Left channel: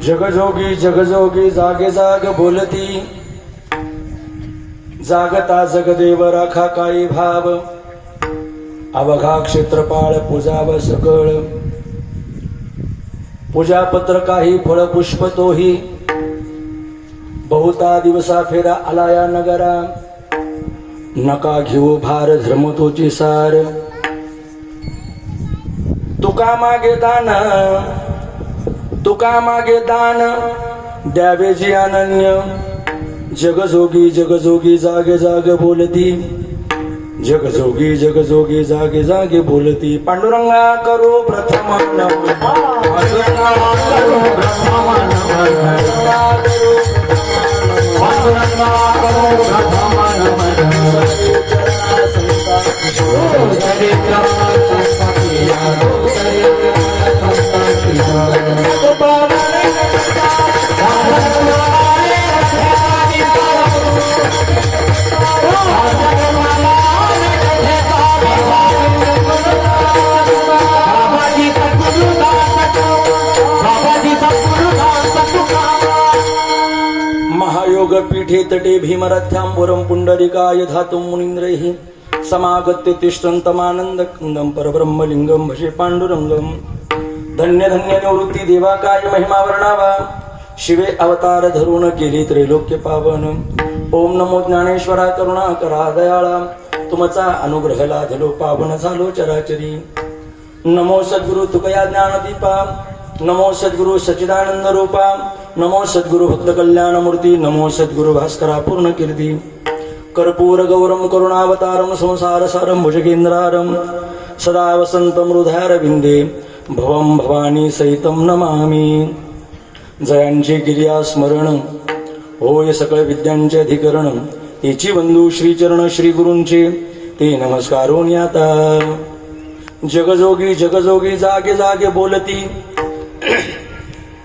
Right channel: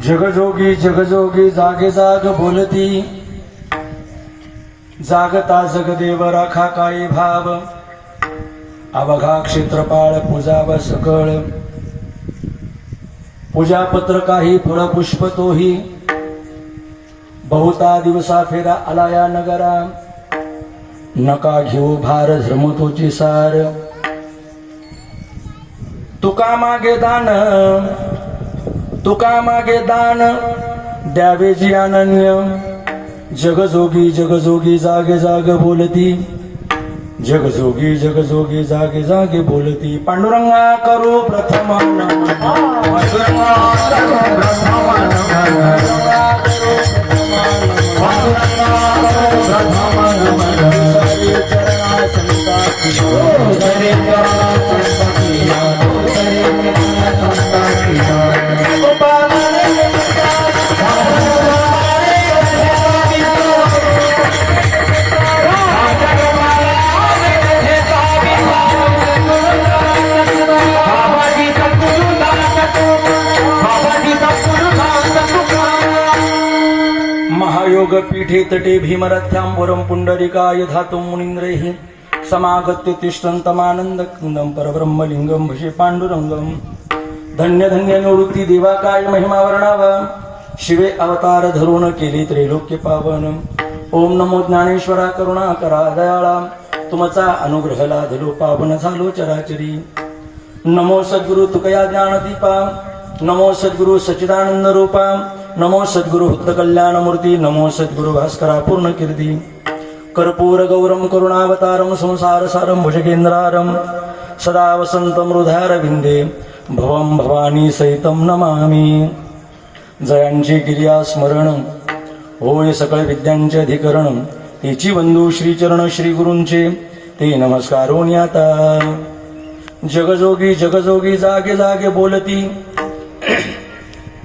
जगजोगी जगजोगी जागे जाग बोलती, जागता जगदेव राखा काही भाव, अवघा क्षेत्रपाळ पूजाव सकळ, पूजापत्र काही फळ पुष्प तोही, बहुता दिवसा फेरा आलाया नगरा, नका घेऊ भार धर्म तोची सार, तुका मागे दान, तुका मागे दान द्यावे जी अनन्य, जगजोगी जगजोगी जागे जागे बोलती, जगजोगी जगजोगी जागे जागे बोलती, पांडुरंगा करू प्रथम महायोग पीठे तटे भीमरथ्यां पुंडरिकाय धातुं मुनींद्रैः समागत्य तिष्ठन्तमानंद कुंदं परब्रह्मलिंगं भजे पांडुरंगं, धन्य धन्य निवृत्ती देवा काय महिमा वर्णावा, शिवे अवतार धरून केले त्रैलोक्य पावन, ओम नमो ज्ञानेश्वरा करुणा करा दयाळा, तुमचा अनुग्रह लाधलो पावन झालो चराचरी, नमो सद्गुरु तुकया ज्ञानदीपा, नमो सद्गुरु सच्चिदानंद रूपा, नमो सद्गुरु भक्त कल्याण मूर्ती, नमो सद्गुरु भास्करा पूर्ण कीर्ती, कर्पूर गौरम करुणावतारम संसार सारम भुजगेंद्रारम, सदा वसंतम हृदयारविंदे भवम भवानी सहितम नमामि, जयांचे गिर्या स्मरण होय सकळ विद्यांचे अधिकरण, तेची बंधू श्रीचरण श्री गुरूंचे ते नमस्कारोनी आता, जगजोगी जगजोगी जागे जागे बोलती,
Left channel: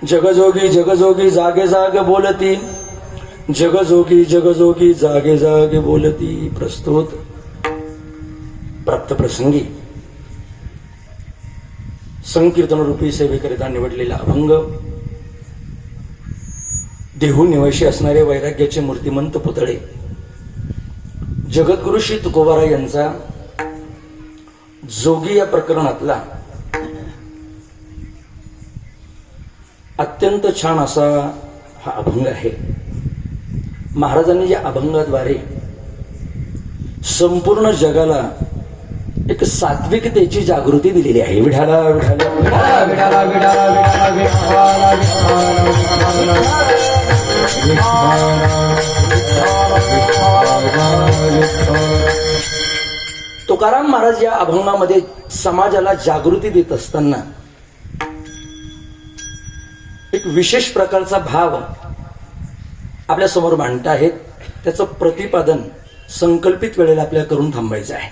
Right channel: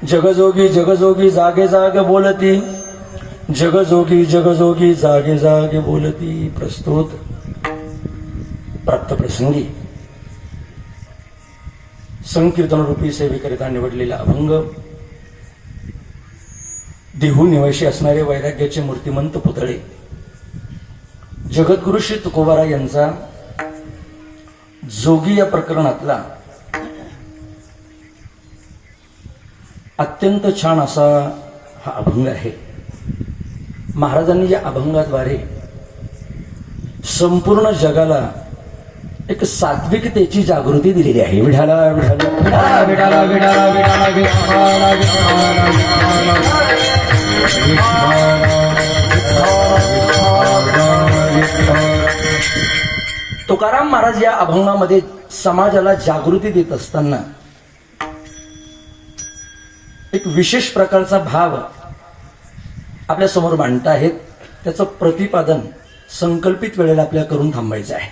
जगजोगी जगजोगी जागे जागे बोलती, जगजोगी जगजोगी जागे जागे बोलती. प्रस्तुत प्राप्त प्रसंगी संकीर्तन रूपी सेवेकरिता निवडलेला अभंग, देहू निवासी असणारे वैराग्याचे मूर्तिमंत पुतळे जगद्गुरु श्री तुकोबारा यांचा जोगी या प्रकरणातला अत्यंत छान असा हा अभंग आहे. महाराजांनी या अभंगाद्वारे संपूर्ण जगाला एक सात्विकतेची जागृती दिलेली आहे. विठाला विठाला विठाला विठाला विठाला विठाला तुकाराम महाराज या अभंगामध्ये समाजाला जागृती देत असताना एक विशेष प्रकारचा भाव आपल्या समोर मांडत आहेत. त्याचं प्रतिपादन संकल्पित वेळेला आपल्याला करून थांबायचं आहे.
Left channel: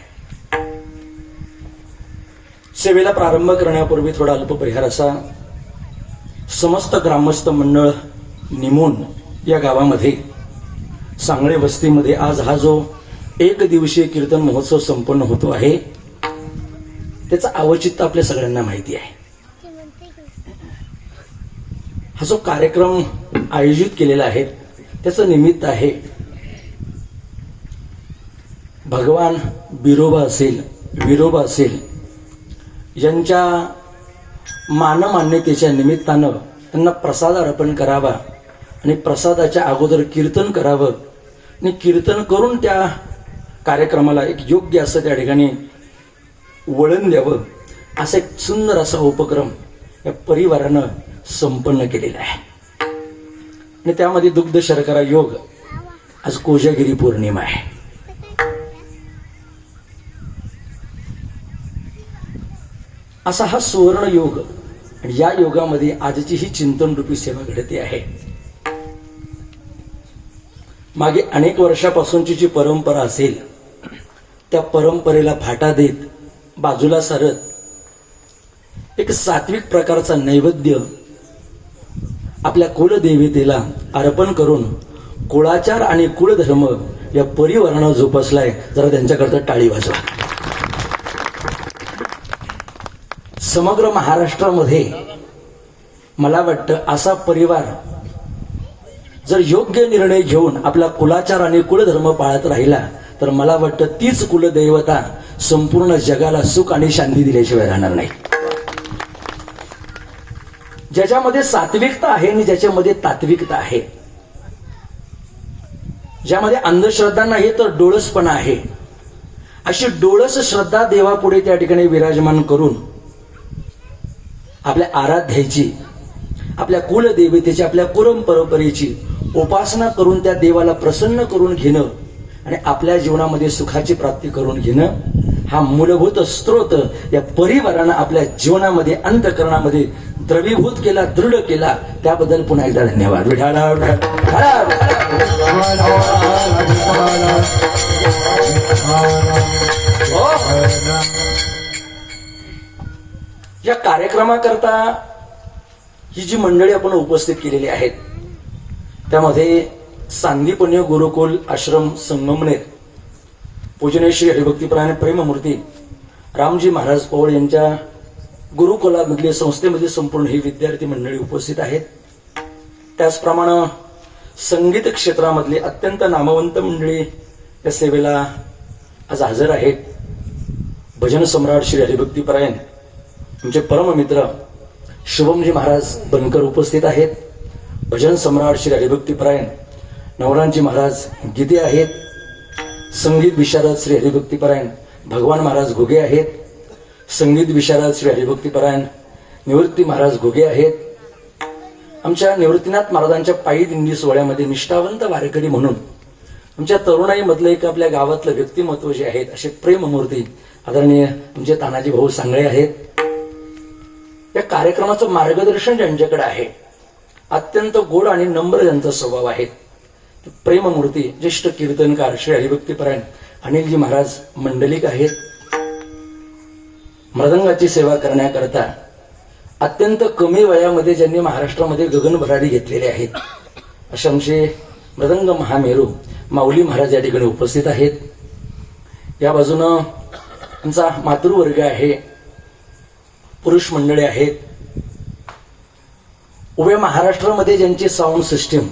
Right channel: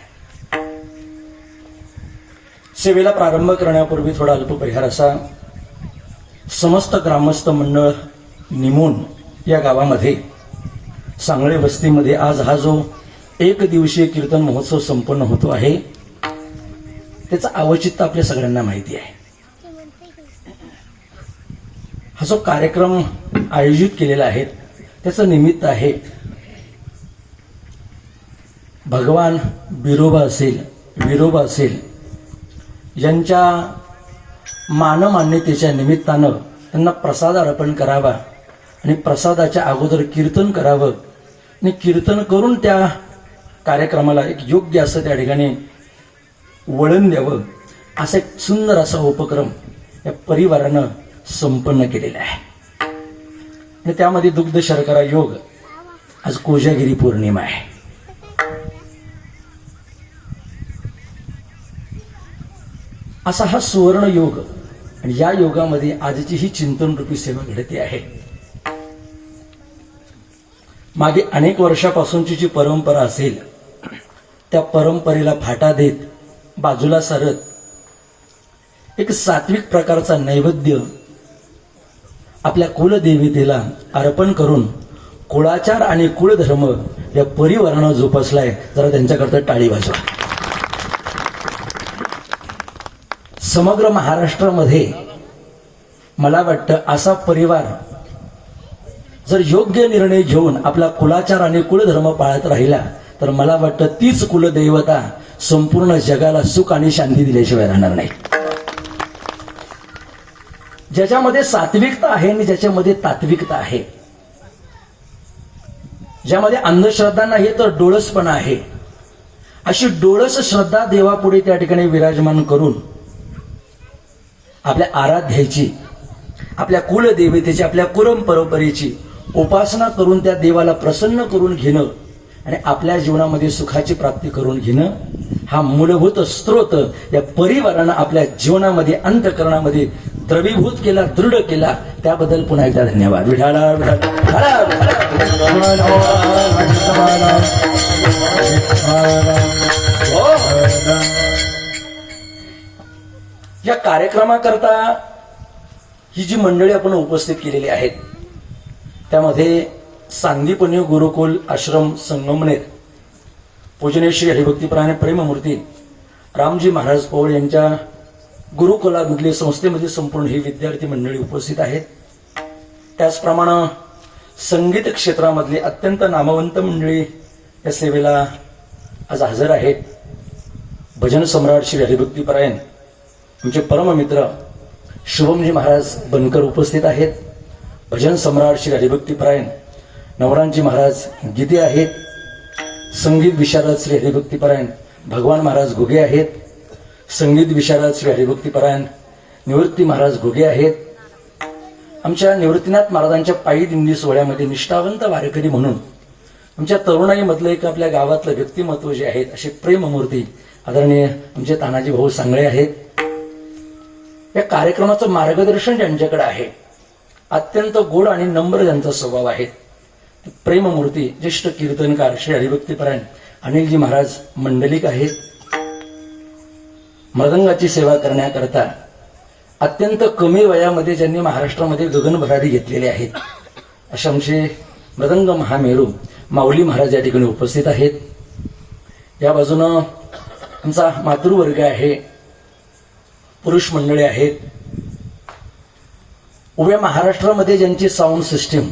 सेवेला प्रारंभ करण्यापूर्वी थोडा अल्पपरिहार असा. समस्त ग्रामस्थ मंडळ निमून या गावामध्ये सांगळे वस्तीमध्ये आज हा जो एक दिवसीय कीर्तन महोत्सव संपन्न होतो आहे त्याचं औचित्य आपल्या सगळ्यांना माहिती आहे. हा जो कार्यक्रम आयोजित केलेला आहे त्याचं निमित्त आहे भगवान बिरोबा असेल विरोबा असेल यांच्या मानमान्यतेच्या निमित्तानं त्यांना प्रसाद अर्पण करावा आणि प्रसादाच्या अगोदर कीर्तन करावं आणि कीर्तन करून त्या कार्यक्रमाला एक योग्य असं त्या ठिकाणी वळण द्यावं असा एक सुंदर असा उपक्रम या परिवारानं संपन्न केलेला आहे. आणि त्यामध्ये दुग्ध शर्करा योग, आज कोजागिरी पौर्णिमा आहे. असा हा सुवर्ण योग आणि या योगामध्ये आजची ही चिंतन रूपी सेवा घडते आहे. मागे अनेक वर्षापासूनची जी परंपरा असेल त्या परंपरेला फाटा देत बाजूला सरत एक सात्विक प्रकारचा नैवेद्य आपल्या कुलदेवतेला अर्पण करून कुळाचार आणि कुळधर्म या परिवारानं जोपासलाय. जरा त्यांच्याकरता टाळी वाजवा. समग्र महाराष्ट्रामध्ये मला वाटतं असा परिवार जर योग्य निर्णय घेऊन आपला कुलाचार आणि कुलधर्म पाळत राहिला तर मला वाटतं तीच कुलदैवता संपूर्ण जगाला सुख आणि शांती दिल्याशिवाय राहणार नाही. ज्याच्यामध्ये सात्विकता आहे आणि ज्याच्यामध्ये तात्विकता आहे, ज्यामध्ये अंधश्रद्धा नाही तर डोळसपणा आहे, अशी डोळस श्रद्धा देवापुढे त्या ठिकाणी विराजमान करून आपल्या आराध्याची, आपल्या कुलदेवतेची, आपल्या कुरम परंपरेची उपासना करून त्या देवाला प्रसन्न करून घेणं आणि आपल्या जीवनामध्ये सुखाची प्राप्ती करून घेणं हा मूलभूत स्त्रोत या परिवारानं आपल्या जीवनामध्ये अंतःकरणामध्ये द्रवीभूत केला, दृढ केला. त्याबद्दल पुन्हा एकदा धन्यवाद. विठाला या कार्यक्रमाकरता ही जी मंडळी आपण उपस्थित केलेली आहेत त्यामध्ये सांदीपुण्य गुरुकुल आश्रम संगमनेर पूजनीय श्री हरिभक्तीपरायण प्रेममूर्ती रामजी महाराज पौळ यांच्या गुरुकुलामधील संस्थेमध्ये संपूर्ण ही विद्यार्थी मंडळी उपस्थित आहेत. त्याचप्रमाणे संगीत क्षेत्रामधली अत्यंत नामवंत मंडळी या सेवेला आज हजर आहेत. भजन सम्राट श्री हरिभक्तीपरायण आमचे परममित्र शुभमजी महाराज बनकर उपस्थित आहेत. भजन सम्राट श्री हरिभक्तीपरायण नवरांजी महाराज गीते आहेत. संगीत विशारद श्री हरिभक्तीपरायण भगवान महाराज घुगे आहेत. संगीत विशारद श्री हरिभक्तीपरायण निवृत्ती महाराज घुगे आहेत. आमच्या निवृत्तीनाथ महाराजांच्या पायी दिंडी सोहळ्यामध्ये निष्ठावंत वारकरी म्हणून आमच्या तरुणाईमधलं एक आपल्या गावातलं व्यक्तिमत्व जे आहेत असे प्रेममूर्ती आदरणीय आमचे तानाजी भाऊ सांगळे आहेत. या कार्यक्रमाचं मार्गदर्शन ज्यांच्याकडे आहे, अत्यंत गोड आणि नम्र त्यांचा स्वभाव आहे, प्रेममूर्ती ज्येष्ठ कीर्तनकार श्री हरिभक्तीपरायण अनिलजी महाराज मंडलिक आहेत. मृदंगाची सेवा करण्याकरता अत्यंत कमी वयामध्ये ज्यांनी महाराष्ट्रामध्ये गगनभराडी घेतलेले आहेत असे आमचे मृदंग महामेरू माऊली महाराज या ठिकाणी उपस्थित आहेत. या बाजूनं आमचा मातृवर्ग आहे, पुरुष मंडळी आहेत. उभ्या महाराष्ट्रामध्ये ज्यांची साऊंड सिस्टीम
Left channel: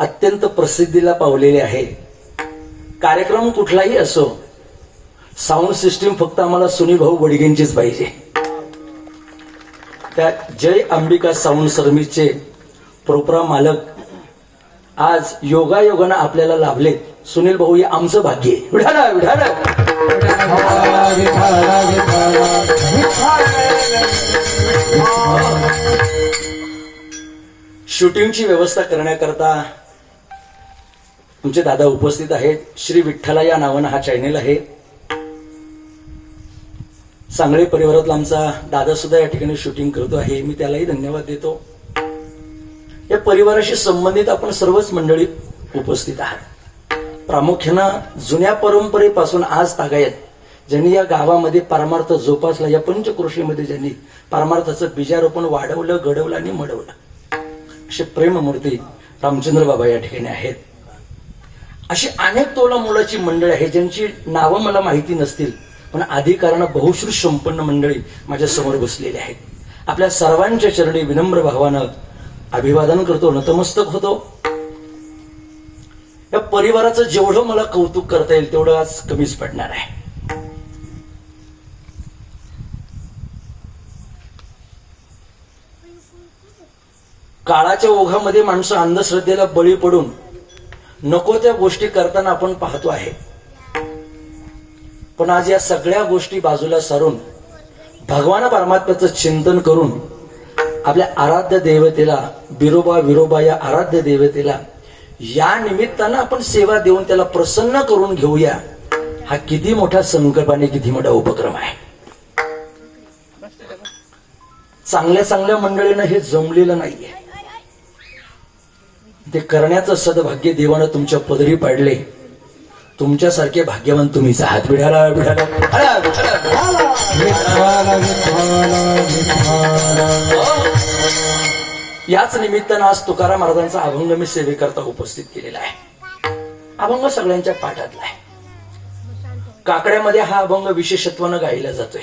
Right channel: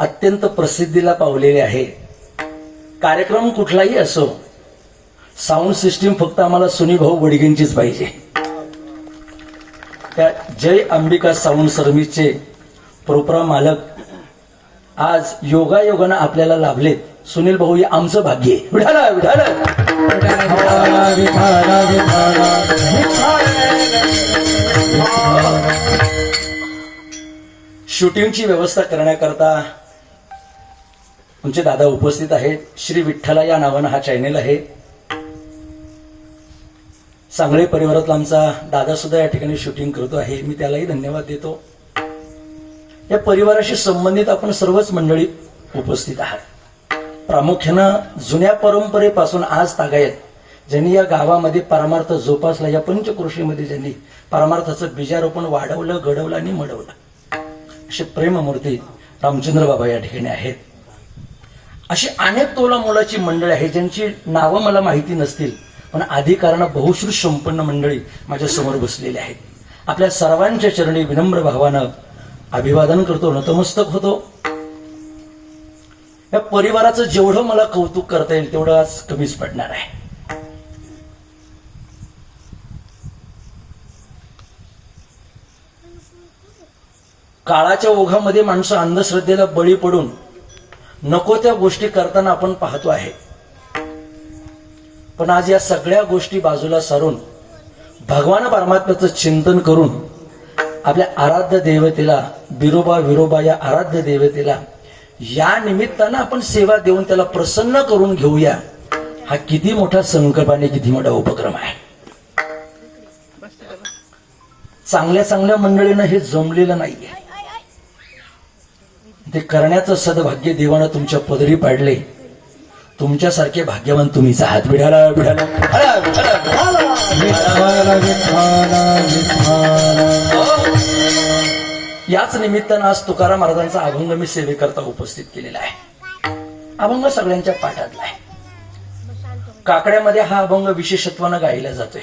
अत्यंत प्रसिद्धीला पावलेली आहे, कार्यक्रम कुठलाही असो साऊंड सिस्टीम फक्त आम्हाला सुनीभाऊ बडगेंचीच पाहिजे. त्या जय अंबिका साऊंड सर्व्हिसचे प्रोग्राम मालक आज योगायोगानं आपल्याला लाभलेत. सुनील भाऊ हे आमचं भाग्य आहे. विठाला विठाला शूटिंगची व्यवस्था करण्याकरता आमचे दादा उपस्थित आहेत. श्री विठ्ठला या नावानं हा चॅनेल आहे. सांगळे परिवारातला आमचा दादा सुद्धा या ठिकाणी शूटिंग करतो आहे, मी त्यालाही धन्यवाद देतो. या परिवाराशी संबंधित आपण सर्वच मंडळी उपस्थित आहात. प्रामुख्यानं जुन्या परंपरेपासून आज तागायत ज्यांनी या गावामध्ये परमार्थ जोपासला, या पंचक्रोशीमध्ये ज्यांनी परमार्थाचं बीजारोपण वाढवलं, घडवलं आणि मडवलं असे प्रेममूर्ती रामचंद्र बाबा या ठिकाणी आहेत. अशी अनेक तोला मोलाची मंडळी आहे ज्यांची नावं मला माहिती नसतील, पण अधिकारानं बहुश्रुत संपन्न मंडळी माझ्या समोर बसलेली आहेत. आपल्या सर्वांच्या चरणी विनम्र भावानं अभिवादन करतो, नतमस्तक होतो. या परिवाराचं जेवढं मला कौतुक करता येईल तेवढं आज कमीच पडणार आहे. काळाच्या ओघामध्ये माणसं अंधश्रद्धेला बळी पडून नको त्या गोष्टी करताना आपण पाहतो आहे. पण आज या सगळ्या गोष्टी बाजूला सारून भगवान परमात्म्याचं चिंतन करून आपल्या आराध्य देवतेला बिरोबा विरोबा या आराध्य देवतेला या निमित्तानं आपण सेवा देऊन त्याला प्रसन्न करून घेऊया. हा किती मोठा संकल्प आणि किती मोठा उपक्रम आहे. चांगल्या चांगल्या मंडळींना हे जमलेलं नाहीये. ते करण्याचं सद्भाग्य देवानं तुमच्या पदरी पाडले. तुमच्यासारखे भाग्यवान तुम्हीच आहात. विठाला विठाला याच निमित्तानं आज तुकाराम महाराजांचा अभंग मी सेवेकरता उपस्थित केलेला आहे. अभंग सगळ्यांच्या पाठातला आहे. काकड्यामध्ये हा अभंग विशेषत्वानं गायला जातोय.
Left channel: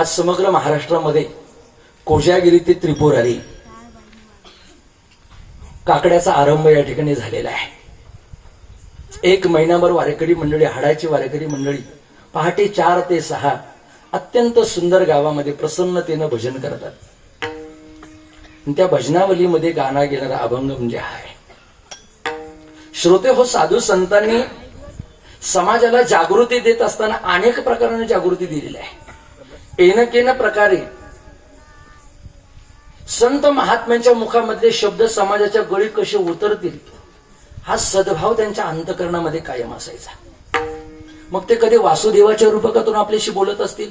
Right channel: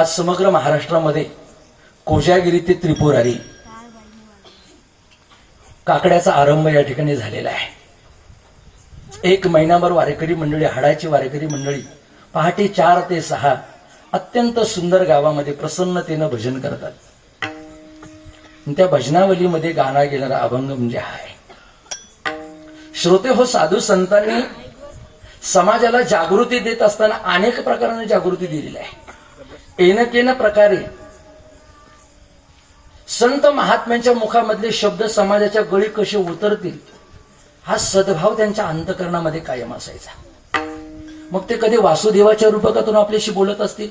आज समग्र महाराष्ट्रामध्ये कोजागिरी ते त्रिपुरारी काकड्याचा आरंभ या ठिकाणी झालेला आहे. 1 महिनाभर वारेकरी मंडळी, हाडाची वारेकरी मंडळी पहाटे 4 ते 6 अत्यंत सुंदर गावामध्ये प्रसन्नतेनं भजन करतात. आणि त्या भजनावलीमध्ये गाणं गेणारा अभंग म्हणजे हा आहे. श्रोते हो, साधू संतांनी समाजाला जागृती देत असताना अनेक प्रकाराने जागृती दिलेली आहे. एनकेन प्रकारे संत महात्म्यांच्या मुखामधले शब्द समाजाच्या गळी कसे उतरतील हा सद्भाव त्यांच्या अंतकरणामध्ये कायम असायचा. मग ते कधी वासुदेवाच्या रूपकातून आपल्याशी बोलत असतील,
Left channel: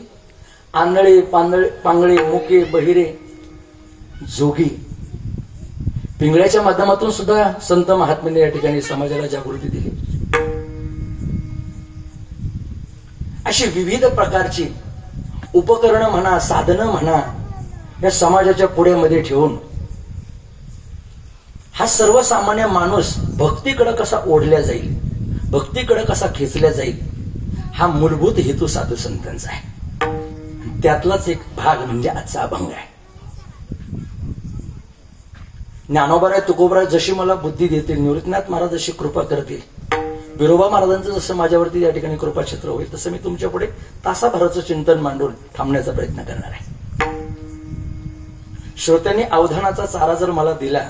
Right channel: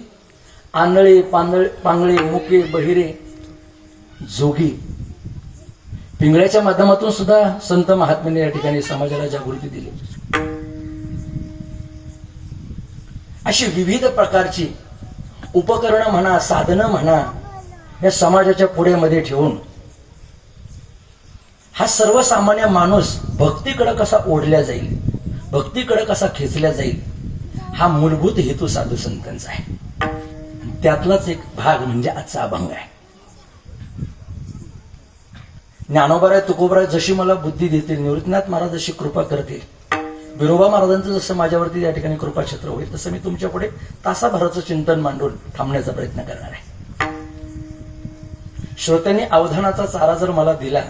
आंधळे पांगळे मुके बहिरे जोगी पिंगळ्याच्या माध्यमातून सुद्धा संत महात्म्यांनी या ठिकाणी समाजाला जागृती दिली. अशी विविध प्रकारची उपकरणं म्हणा, साधनं म्हणा, या समाजाच्या पुढ्यामध्ये ठेवून हा सर्वसामान्य माणूस भक्तीकडे कसा ओढल्या जाईल, भक्तीकडे कसा खेचल्या जाईल, हा मूलभूत हेतू साधू संतांचा आहे. त्यातलाच एक भाग म्हणजे आजचा अभंग आहे. ज्ञानोबाराय तुकोबाराय जशी मला बुद्धी देतील, निवृत्तीनाथ महाराज जशी कृपा करतील, बिरोबा महाराजांचं जसं माझ्यावरती या ठिकाणी कृपाछत्र होईल, तसं मी तुमच्या पुढे तासाभराचं चिंतन मांडून थांबण्याचा प्रयत्न करणार आहे. श्रोत्यांनी अवधानाचा चारा जर मला दिला,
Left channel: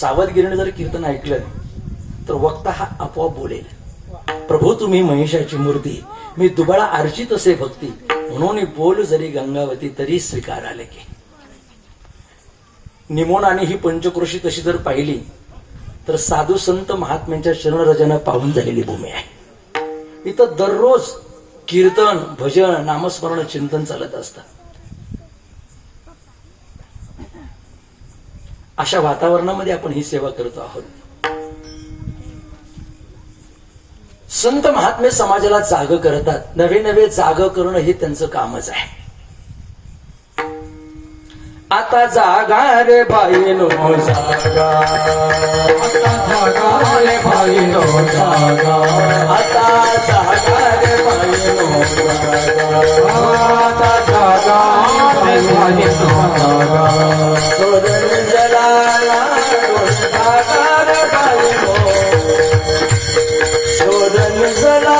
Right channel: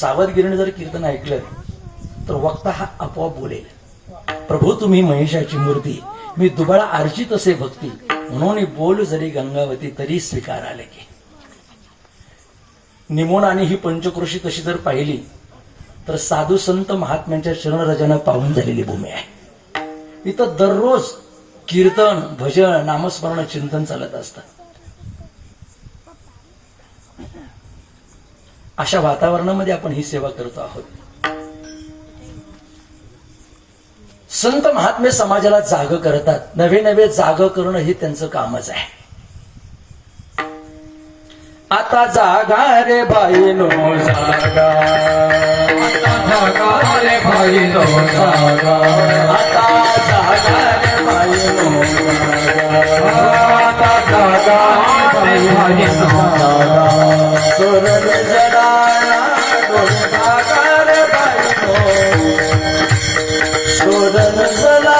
सावधगिरीने जर कीर्तन ऐकलं, तर वक्ता हा आपोआप बोलेल, प्रभू तुम्ही महिषाची मूर्ती, मी दुबळा अर्चित असे भक्ती, म्हणून बोल जरी गंगावती तरी स्वीकार आले की. निमोण आणि ही पंचक्रोशी तशी जर पाहिली तर साधू संत महात्म्यांच्या चरणरजना पाहून झालेली भूमी आहे. इथं दररोज कीर्तन, भजन, नामस्मरण, चिंतन चालत असतं. अशा वातावरणामध्ये आपण ही सेवा करतो आहोत. संत महात्मे समाजाला जाग करतात. नवे नवे जाग करणं हे त्यांचं कामच आहे. आता जागा रे बाईनो जागा, आता जागा रे बाईनो जागा, आता जागा रे बाईनो जागा, आता जागा रे बाईनो जागा, सोरण जडाला जागा रे बाईनो, सोरण जडाला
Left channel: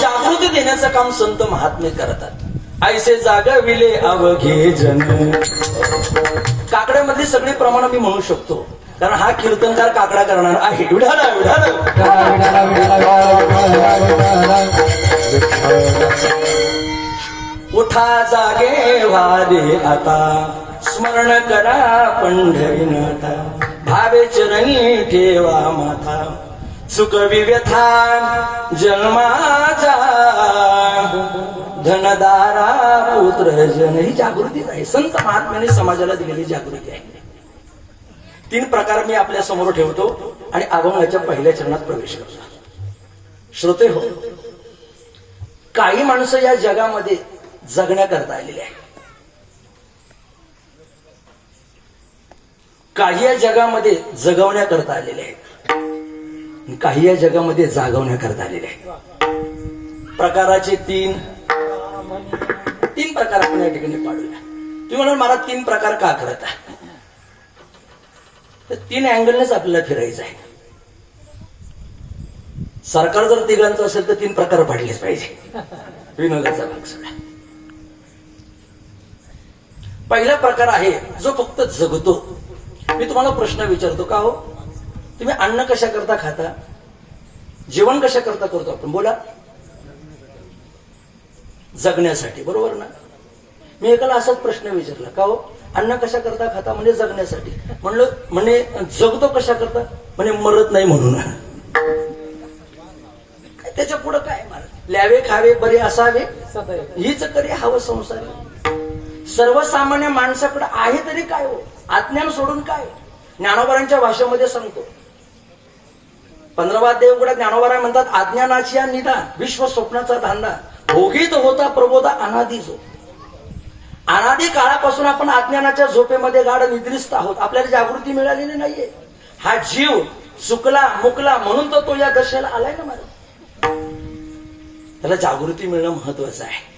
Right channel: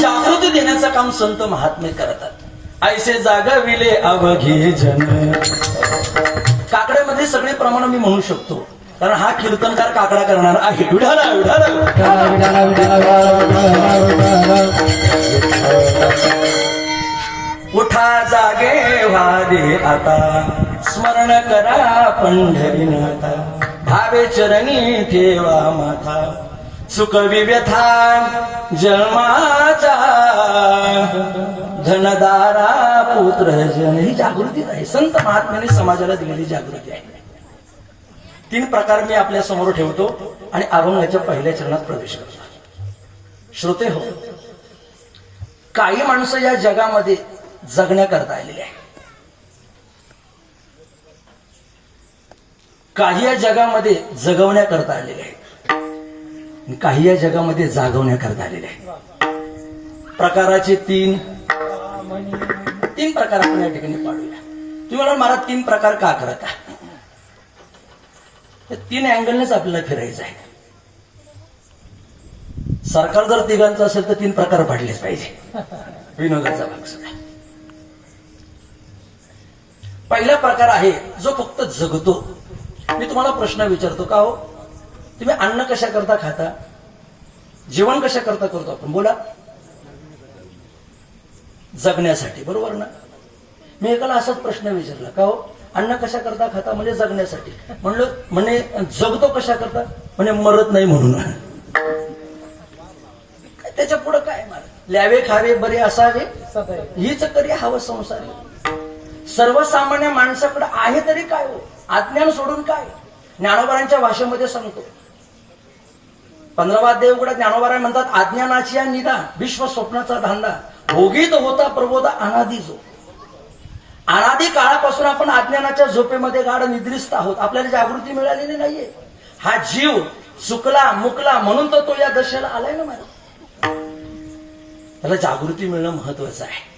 जागृती देण्याचं काम संत महात्मे करतात. ऐसे जागविले अवघे जन. काकड्यामधली सगळी प्रमाण मी म्हणू शकतो, कारण हा कीर्तनकार काकडा करणार आहे. विढाला उठा जागे वारे आता, स्मरण करा पंढरीनाथा, भावे चरणी ठेवा माथा, सुखवी व्यथा जन्मा कुणाचा धनदारा पुत्र जन, ही जागृतीच आहे. संत महात्म्याने समाजाला दिलेली जागृती आहे. 3 प्रकार मी आपल्या समोर ठेवतो आणि अभंगाच्या पहिल्या चरणात प्रवेश करतो. श्रोते हो, काही माणसं या जगामध्ये जगण्याकरता आलेली आहे, काही या जगामध्ये जगवण्याकरता आलेले आहेत, काही या जगामध्ये जागवण्याकरता आलेले आहेत. प्रकाराचे 3 प्रकार आपण या ठिकाणी पाडूया. तुम्ही म्हणाल मला 3 प्रकार का करत आहे? तर 3 अँगलनेच आपल्याला फिरायचं आहे. सरकार जर तिघांचं असेल तर 3 प्रकार पाडलेच पाहिजे. विनोदाचा भाग सगळा. पहिला प्रकार आहे जो फक्त जगतो. मी तुम्हाला प्रश्न विचारतो, का हो तुम्ही अन्न कशा करता खाता, जेवण कशा करता करतो आपण? बोला. जगण्यासाठी, बरोबर ना? मी एकाला असाच प्रश्न विचारला, का हो अन्न कशा करता खाता? म्हणजे जगण्यासाठी. म्हणलं म्हणे जगतो कशा करता? म्हणे मरत नाही म्हणून. त्याच्या पुढं काय? ल्यावे खावे बरे असावे हीच तरी हवं संसारी. सर्वसामान्य माणसाकडे आहे तरी काय हो? अज्ञान सोडून काय? ज्ञानोबारांच्या भाषेमध्ये सांगतो, 15वा देवगुणात ज्ञानोबाराय म्हणतात, अज्ञानाची निदा विश्व स्वप्नाचा धांडा भोगीत होता प्रबोधा अनादी जो. अनादी काळापासून आपण अज्ञानाच्या झोपेमध्ये गाढ निद्रिस्त आहोत. आपल्याला जागृती मिळालेली नाहीये. हा जीव चुकला मुकला म्हणून तो या दशेला आलाय ना. मला त्याला जागृती मिळणं महत्वाचं आहे.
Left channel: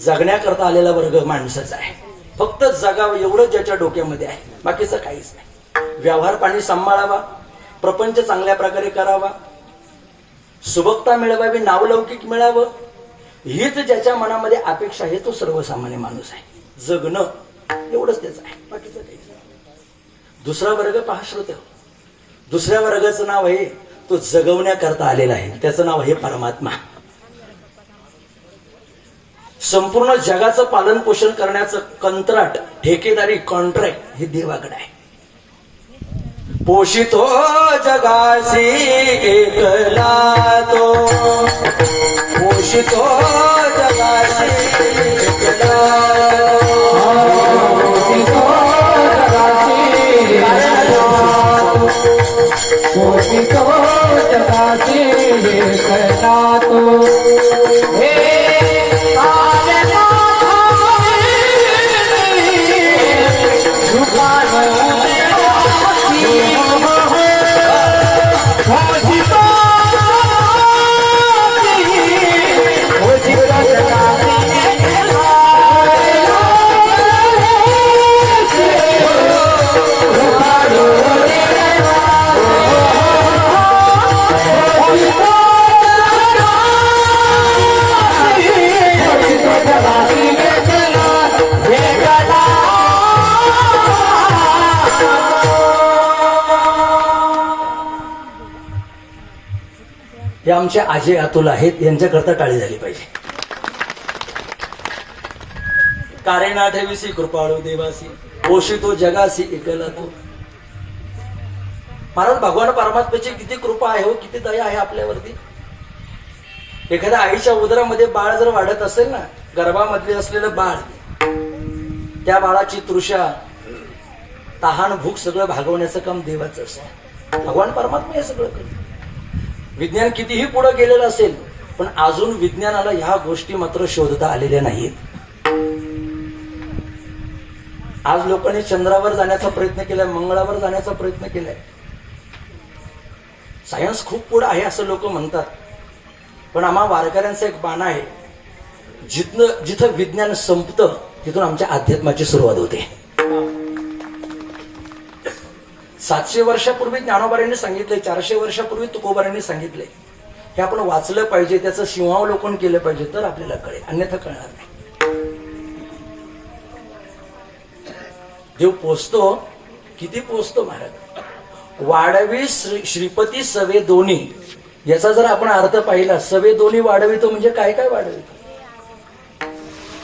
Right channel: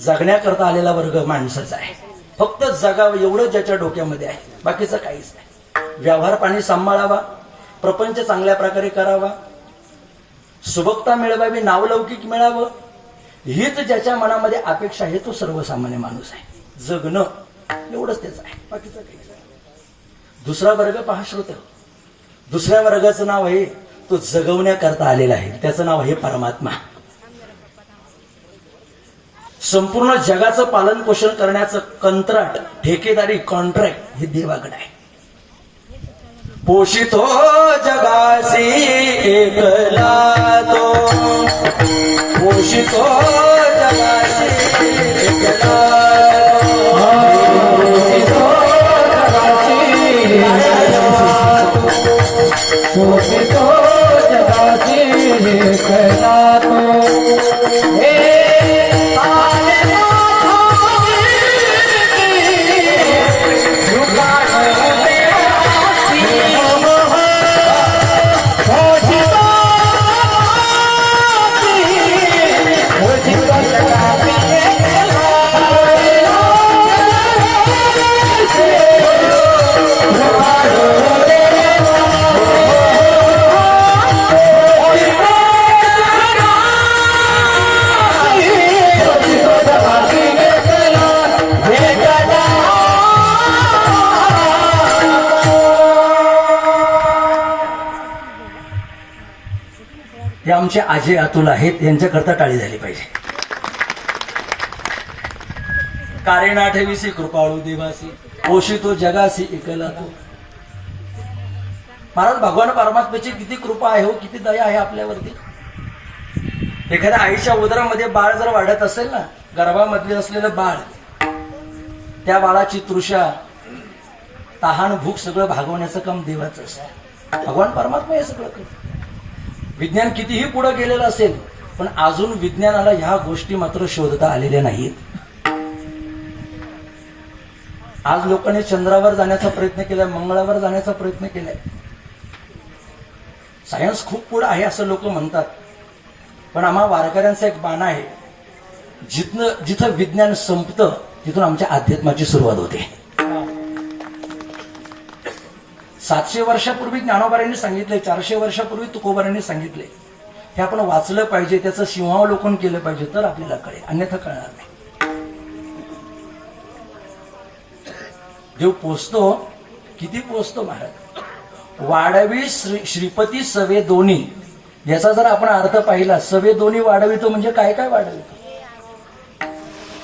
जगण्याकरता आलेला वर्ग माणसाचा आहे. फक्त जगावं एवढं ज्याच्या डोक्यामध्ये आहे, बाकीचं काहीच नाही. व्यवहार पाणी सांभाळावा, प्रपंच चांगल्या प्रकारे करावा, सुबकता मिळवावी, नावलौकिक मिळावं, हीच ज्याच्या मनामध्ये अपेक्षा आहे तो सर्वसामान्य माणूस आहे. जगणं एवढंच त्याचं आहे, बाकीचं काहीच नाही. दुसरा वर्ग पहा श्रोते, दुसऱ्या वर्गाचं नाव आहे तो जगवण्याकरता आलेला आहे. त्याचं नाव आहे परमात्मा. संपूर्ण जगाचं पालन पोषण करण्याचं कंत्राट, ठेकेदारी, कॉन्ट्रॅक्ट हे देवाकडे आहे. पोषितो जगासी एकला तो, पोषितो जगासी एकला पोषितो जगाची एकला तो. हे आमचे आजे अतुल आहेत, यांच्याकरता टाळी झाली पाहिजे. कारेना ठेवीसी कृपाळू देवासी, पोषितो जगासी एकला तो. महाराज, भगवान परमात्म्याची किती कृपा आहे हो, किती दया आहे आपल्यावरती. एखाद्या आईच्या उदरामध्ये बाळ जर वाढत असेल ना, गर्भामधले असलेलं बाळ, त्या बाळाची तृषा, तहान, भूक सगळं भागवण्याचं काम देवाचं असतं. भगवान परमात्मा हे सगळं करतो. विज्ञान कितीही पुढे गेलेलं असेल, पण अजून विज्ञानाला ह्या गोष्टी मात्र शोधता आलेल्या नाहीत. आज लोकांनी चंद्रावर जाण्याचा प्रयत्न केलाय, मंगळावर जाण्याचा प्रयत्न केलाय. सायन्स खूप पुढे आहे असं लोक म्हणतात, पण आम्हा वारकऱ्यांचा एक बाण आहे, जिथं विज्ञान संपतं तिथून आमच्या अध्यात्माची सुरुवात होते. 700 वर्षापूर्वी ज्ञानोबारांनी सांगितले, 400 वर्षापूर्वी तुकोबारांनी सांगितले. हे आपण वाचलं पाहिजे, त्याचं सिंहावलोकन केलं पाहिजे, तर आपल्याला कळेल, अन्यथा कळणार नाही. देव पोचतो, किती पोचतो महाराज. वाढवी श्रीपती सवे दोन्ही, याचा जर आपण अर्थ पाहिला, सवे दोन्ही वाढवितो म्हणजे काय काय वाढवितो.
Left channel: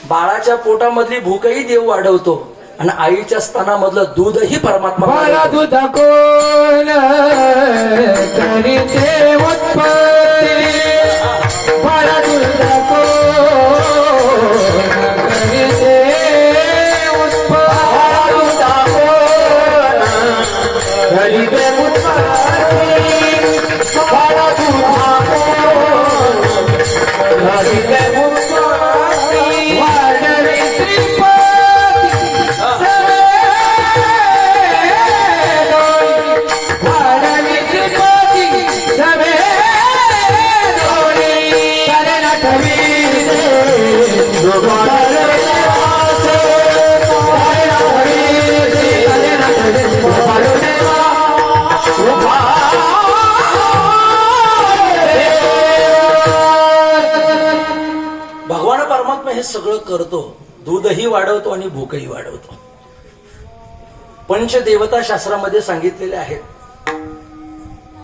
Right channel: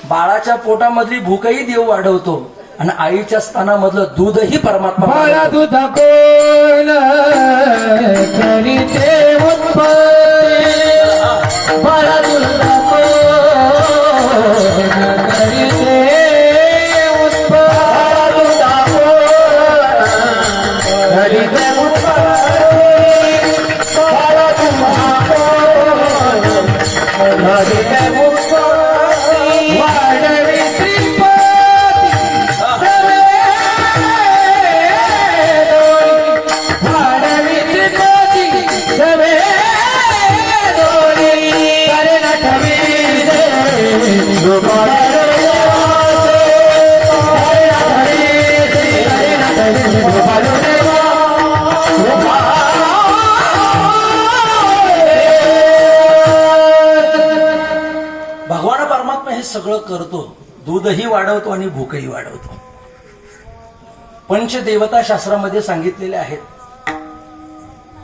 बाळाच्या पोटामधली भूकही देव वाढवतो आणि आईच्या स्तनामधलं दूधही परमात्मा. दूध कोण तरी देव भगवान परमात्मा हे सगळं करतो, दूधही वाढवतो आणि भूकही वाढवतो. पंचदेवता शास्त्रामध्ये सांगितलेले आहेत.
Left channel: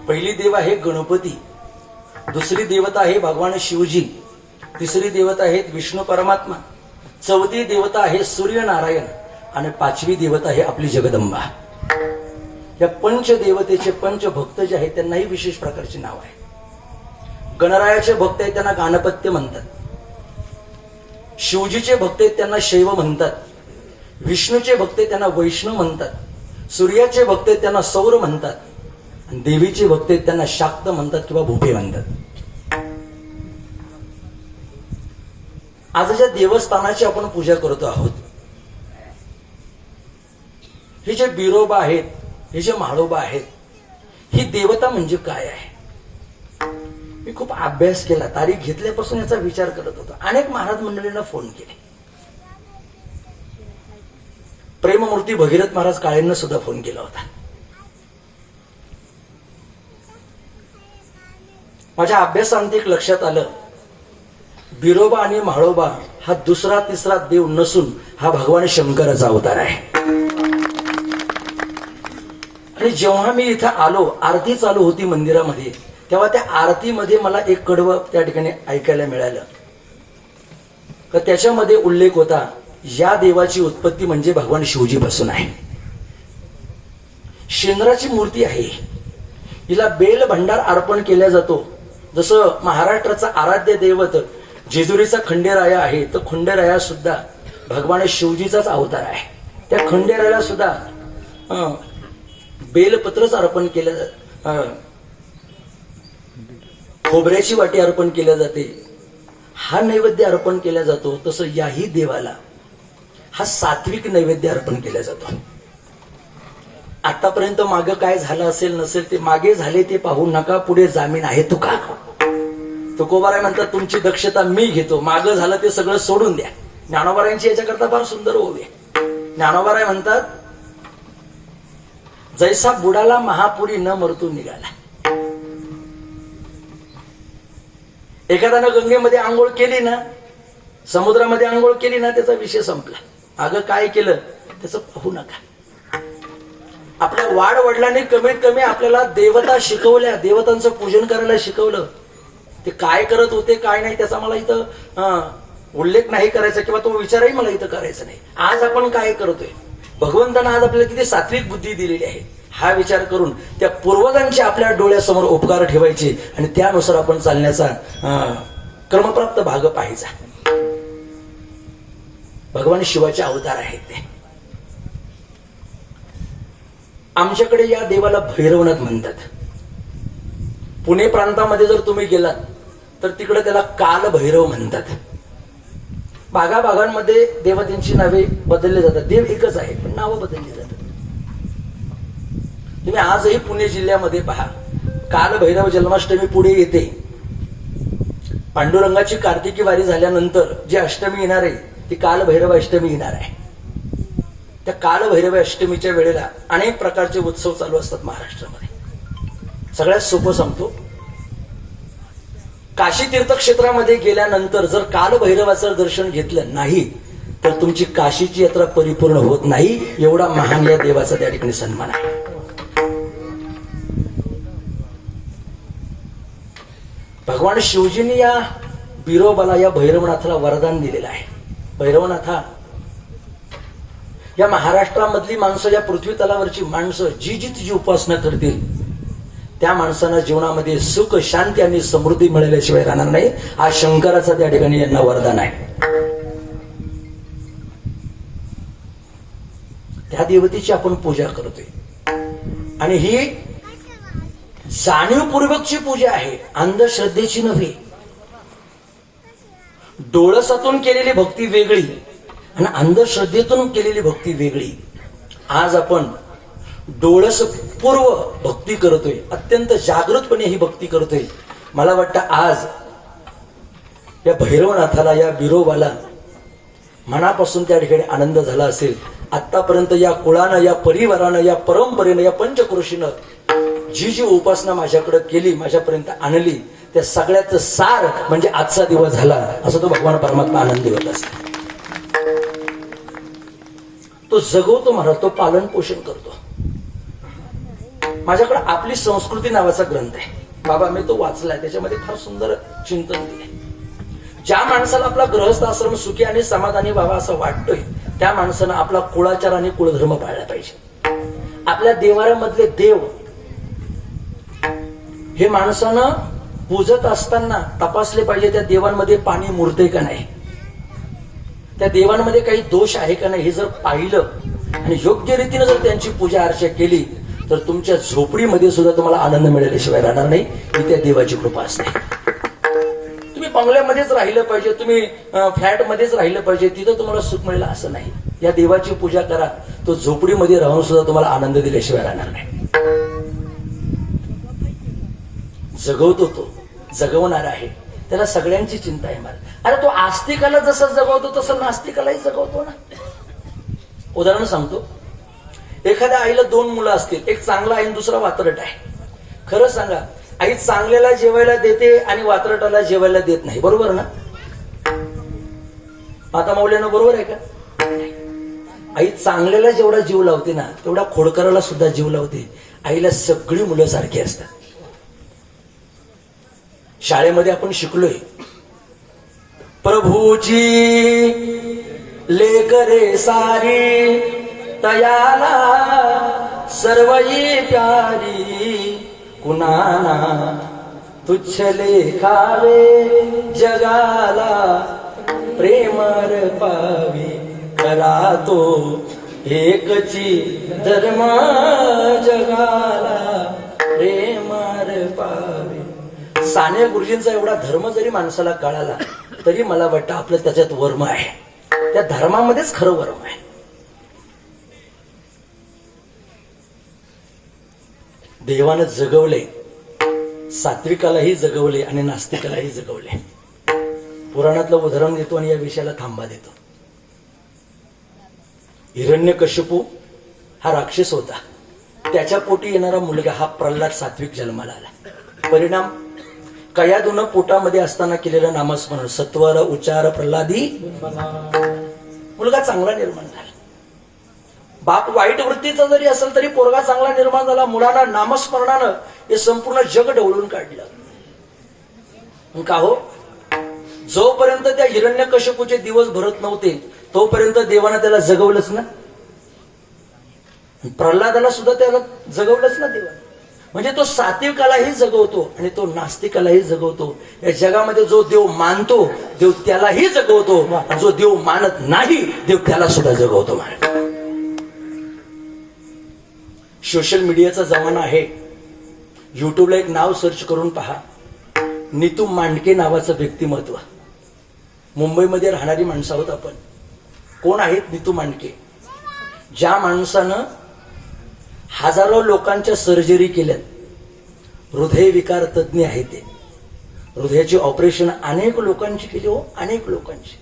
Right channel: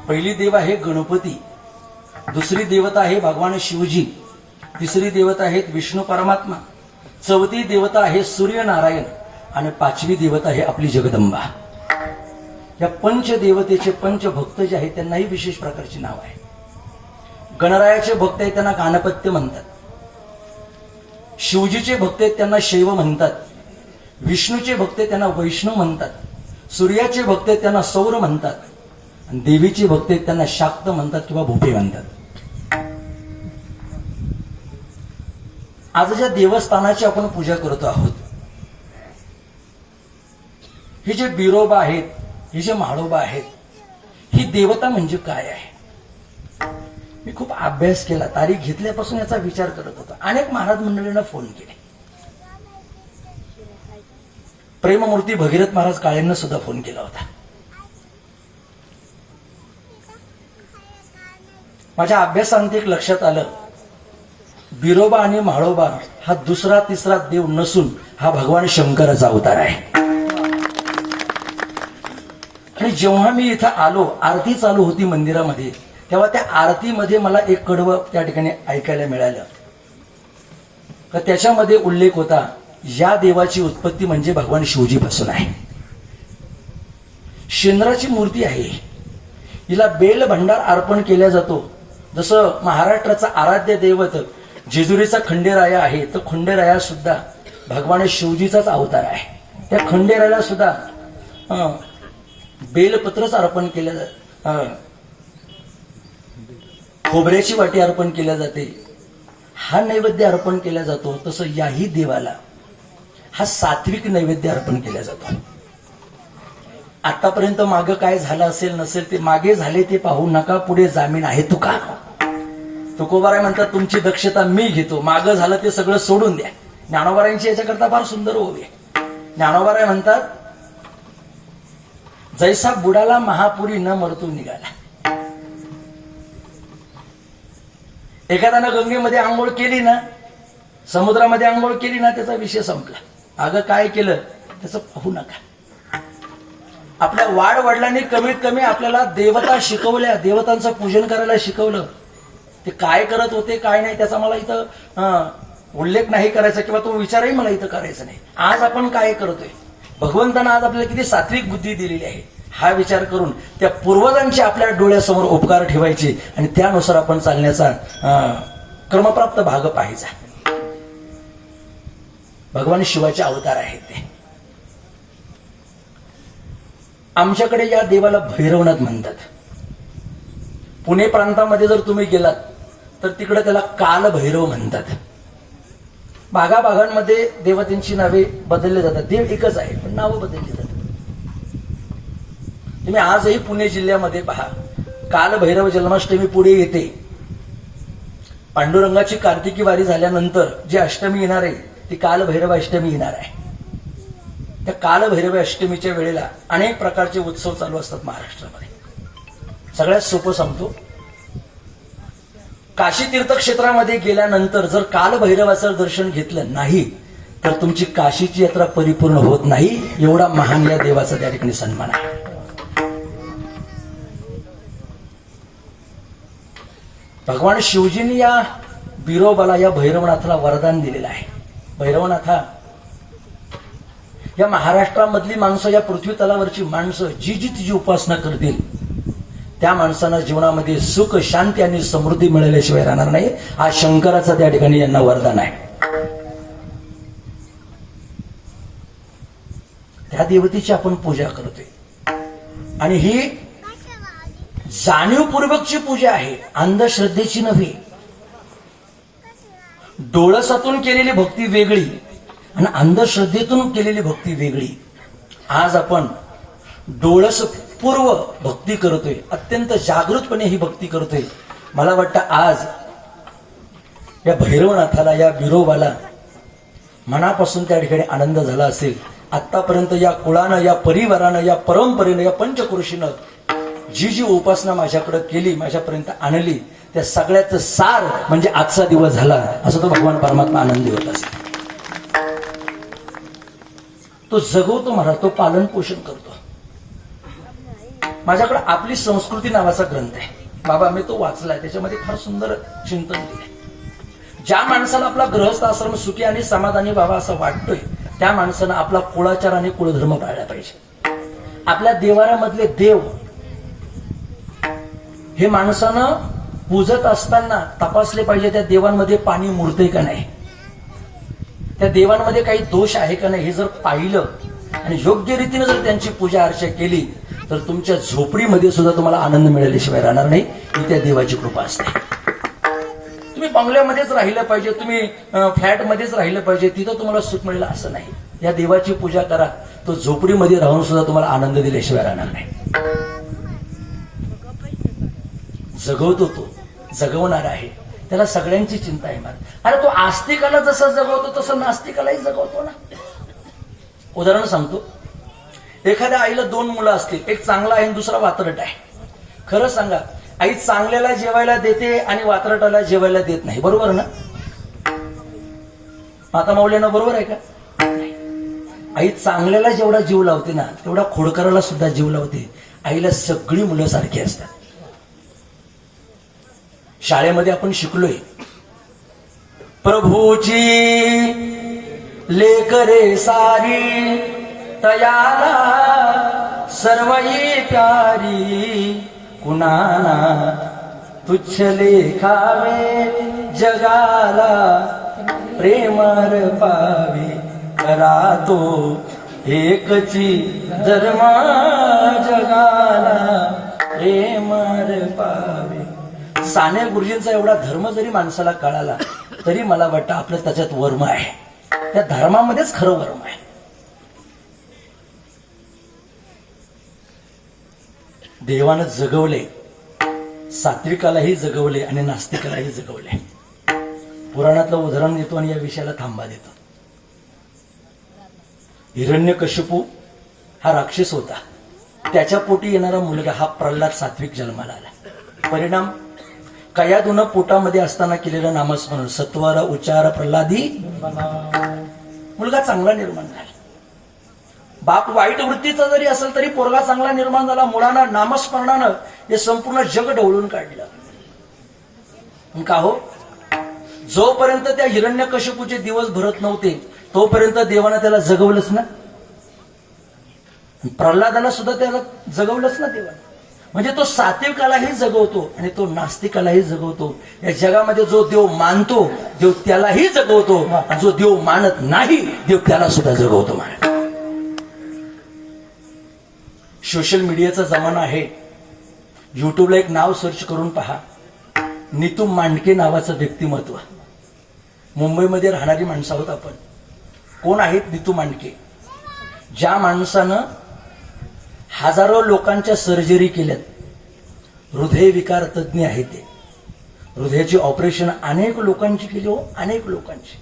पहिली देव आहे गणपती, दुसरी देवता आहे भगवान शिवजी, तिसरी देवता आहेत विष्णू परमात्मा, चौथी देवता आहे सूर्यनारायण आणि पाचवी देवता आहे आपली जगदंबा. या पंचदेवतेचे पंचभक्त जे आहेत त्यांनाही विशेष प्रकारची नाव आहे. गणरायाचे भक्त आहेत त्यांना गाणपत्य म्हणतात, शिवजीचे भक्त आहेत त्यांना शैव म्हणतात, विष्णूचे भक्त आहेत त्यांना वैष्णव म्हणतात, सूर्याचे भक्त आहेत त्यांना सौर म्हणतात आणि देवीचे भक्त आहेत त्यांना शाक्त म्हणतात किंवा भूपे म्हणतात. आज ज्या देवस्थानाची आपण पूजा करतो आहोत, हे जे बिरोबा आहेत, हे जे म्हाळोबा आहेत, ही देवता म्हणजे काय आहे? मी खूप अभ्यास केला, तारीख घेतल्यापासून याचा विचार करत होतो. अनेक महाराज मंडळींना फोन केले, प्रेममूर्ती भगीरथ महाराज काळेंना सुद्धा फोन केला होता. माझ्या अभ्यासांत एक लक्षात आलं, बिरोबा आणि म्हाळोबा हा दुसरा तिसरा देव नसून हा भगवान शंकराचा अवतार आहे. आणि जेव्हा मी इथं आलो, आरती चालू होती मंदिरामध्ये, तेव्हा त्या आरतीमध्ये मला एक कडवं त्या ठिकाणी ऐकायला मिळालं. तर त्याच्यामध्ये उल्लेख होता, या देवाची उत्पत्ती म्हणजे भगवान शिवजीपासून आहे. शेंद्राची मूर्ती आहे, हिला बेल भंडार अर्पण केला जातो. जसं महाराष्ट्राचा आराध्य दैवत जेजुरीचा खंडेराया आहे, तर खंडेराया सुद्धा भगवान शिवजीचाच अवतार आहे. त्या खंडेरायाला सुद्धा बेलपत्रच अर्पण केलं जातं, खोबऱ्याची वाटी अर्पण केल्या जाते, हा नैवेद्य अर्पण केला जातो. तसं याही देवाला हा सात्विक नैवेद्य अर्पण केला जातो. आतापर्यंत मागं काय झालं असेल नसेल ते मागे झाले ते पाहू नका, पुढे जामीन आहे तुका. तुकोबाराय म्हणतात, तुमची दक्षता मी घेतो, मागं झालं ते सगळं सोडून द्या. ज्ञानोबारायांची याच्याकरता फार सुंदर ओवी आहे. ज्ञानोबाराय म्हणतात, जैसा बुडाला महापुरी न मरतो निघाला. एखाद्यानं गंगेमध्ये आंघोळ केली ना, समुद्रामध्ये आंघोळ केली ना, त्याचा विषय संपला. मागं काय केलं त्याचं पाहू नका. आपल्या वाड वडिलांनी कमीत कमी आपल्याला देवता शिकवल्या, देवतांचं पूजन करायला शिकवलं. ते काय करत होते काय नाही त्याचा मला इथं उल्लेख नाही करायचा किंवा तो विचारही मला इथं करायचा नाही. आज आपण काय करतोय, भगवंतानं आज आपल्याला किती सात्विक बुद्धी दिलेली आहे, हा विचार करून त्या पूर्वजांचे आपल्या डोळ्यासमोर उपकार ठेवायचे आणि त्यानुसार आपण चालण्याचा क्रमप्राप्त भाग पाहायचा. भगवान शिवाचे अवतार आहेत ते. आमच्याकडे या देवाला भैरवनाथ म्हणतात. पुणे प्रांतामध्ये जर तुम्ही गेलात तर तिकडे त्याला काल भैरव म्हणतात. भागाभागांमध्ये देवतांची नावे बदलली जातात, देव एकच आहे पण नावं बदलली जातात. तुम्ही आजही पुणे जिल्ह्यामध्ये पहा, काल भैरव जन्माष्टमी पुढे येते. पांडुरंगाची कार्तिकी वारी झाल्यानंतर जी अष्टमी येणार आहे ती काल भैरव अष्टमी येणार आहे. त्या काल भैरव अष्टमीच्या वेळेला अनेक प्रकारचे उत्सव चालू असतात महाराष्ट्रामध्ये. सगळ्यात सोपं सांगतो, काशी तीर्थक्षेत्रामध्ये गेल्यानंतर जर काल भैरवाचं दर्शन घेतलं नाही तर तुमची काशीची यात्रा परिपूर्ण होत नाही. एवढा महान या देवाचा त्या ठिकाणी सन्मान आहे. भगवान शिवजींनी या बिरोबाला, या भैरवनाथाला वरदान दिलेलं आहे. भैरवनाथा, या महाराष्ट्रामधली माणसं, या पृथ्वी तलावरची माणसं जी जी तुझी उपासना करतील त्या माणसांना जीवनामध्ये सुख, शांती आणि समृद्धी मिळाल्याशिवाय राहणार नाही. हा शंकराचा त्या ठिकाणी यांना वरदान आहे. त्या देवतेची आपण पूजा करतोय आणि ही जाणीवपूर्वकची पूजा आहे, अंधश्रद्धेची नव्हे. डोळसातून केलेली भक्ती वेगळी आणि अंधश्रद्धेतून केलेली भक्ती वेगळी. आज आपण डोळसपूर्व भक्ती करतोय, अत्यंत जागृतपणे ही भक्ती करतोय. मला वाटतं आज या भैरवनाथाला, या बिरोबाला मनापासून त्या ठिकाणी आनंद झाला असेल. आतापर्यंत या कुळानं, या परिवारानं, या परंपरेनं, या पंचक्रोशीनं जी जी उपासना माझ्याकडे केली, माझ्यापर्यंत आणली, त्या सगळ्याचं सार म्हणजे आजचा दिवस झाला, असं तो भगवान परमात्मा आनंदी होत असेल. तो जगवतो महाराज, तो पालन पोषण करतो. माझ्याकडे आपली संस्कृती नावाचा ग्रंथ आहे बाबा, मी तो वाचलाय. त्याच्यामध्ये फार सुंदर चिंतन दिले. ज्या माणसाला आपला गृहस्थ आश्रम सुखी आणि समाधानी व्हावा असं वाटतोय, त्या माणसानं आपला कुळाचार आणि कुळधर्म पाळला पाहिजे. आपल्या देवाऱ्यामधले देव हे माणसानं पूजत असताना तपासले पाहिजे, त्या देवांमध्ये पाणी मुरतंय का नाही, त्या देवांमध्ये काही दोष आहे का नाही, हे जर पाहिलं आणि योग्य रीतीने जर त्यांची पूजा अर्चा केली तर तुमच्या झोपडीमध्ये सुद्धा तुम्हाला आनंद मिळाल्याशिवाय राहणार नाही. ही त्या देवाची कृपा असते. तुम्ही बंगल्यामध्येच राहिलं पाहिजे, तुम्ही फ्लॅटमध्येच राहिलं पाहिजे, तिथं तुम्हाला सुख मिळेल असं नाही. या देवाची पूजा करा, तो झोपडीमध्ये राहून सुद्धा तुम्हाला आनंद दिल्याशिवाय राहणार नाही. जगवतो, तो जगवणार आहे, त्याला सगळ्यांची चिंता येणार. अरे तो आस्तिकाला जसं जगवतो तसं नास्तिकालाही जगवतो ना. उदाहरण सांगतो. एखाद्या आईला 2 मुलं असतील, एक चांगला आहे आणि दुसरा वात्रट आहे. खरं सांगा, आई चांगल्याला जेवायला देते आणि वात्रटाला जेवायला देत नाही, बरोबर ना? माता मौल्यानं बरोबर आहे का? आई चांगल्याला जेवढा जीव लावते ना, तेवढा खोडकराला सुद्धा जीव लावते. आईला सगळी मुलं सारखी असतात. शाळेमध्ये आपण शिकलोय, प्रभूची लेकरे सारी तयाला सर्वई प्यारी, कुणाना तुच्छ लेखावे जगाला प्रेमर पावी, करा तो एकची धर्म जगाला प्रेमर पावी. साने गुरुजींचा एवढा धर्म जरी माणसाला कळाला तरी मला वाटतं आपलं त्याच्यात वर्म आहे, त्या धर्मामध्येच खरं वर्म आहे. देवानं जगवले, सात्विकालाही जगवले आणि नास्तिकालाही जगवले. पुराणातलं उदाहरण देतो आणि या विषयाला थांबा देतो. हिरण्यकश्यपू हा राक्षस होता, त्याच्या पोटी येणारा मुलगा हा प्रल्हाद सात्विक जन्माला आला. परिणाम, कयादून पोटामध्ये असताना केलेलं नामस्मरण, सत्वर उच्चार प्रल्हादी, मुलगा चांगला निर्माण झाला. बाप वाईट वृत्तीचा जरी असेल तरी पोरगा चांगला निर्माण झाला. मुलानं नामस्मरणानं हे संपूर्ण जग ढवळून काढलं. का हो? जोपर्यंत त्या हिरण्यकश्यपूचे दिवस भरत नव्हते तोपर्यंत देवानं त्याला जगवलंच ना. प्रल्हादाला सुद्धा त्याला जगवलंच ना देवा. म्हणजे तो सात्विकालाही जगवतो आणि तो नास्तिकालाही जगवतो. या जगामध्ये जो देव मानतो देव त्यालाही जगवतो, जो देव मानत नाही देव त्याला सुद्धा जगवतो. महाराज, सोशल मीडियाचा जमाना आहे. युट्यूबला एक नाव सर्च करून पहा, नीतू मांडके नावाचं व्यक्तिमत्व. मुंबईमध्ये राहणारी माणसं आहोत आपण. कोण आहेत नीतू मांडके? ज्या माणसानं हजारो लोकांच्या सर्जरी केल्यात, हृदयविकार तज्ज्ञ आहे ते. हृदयाची ऑपरेशन अनेक लोकांची केली हो, अनेक लोकांची.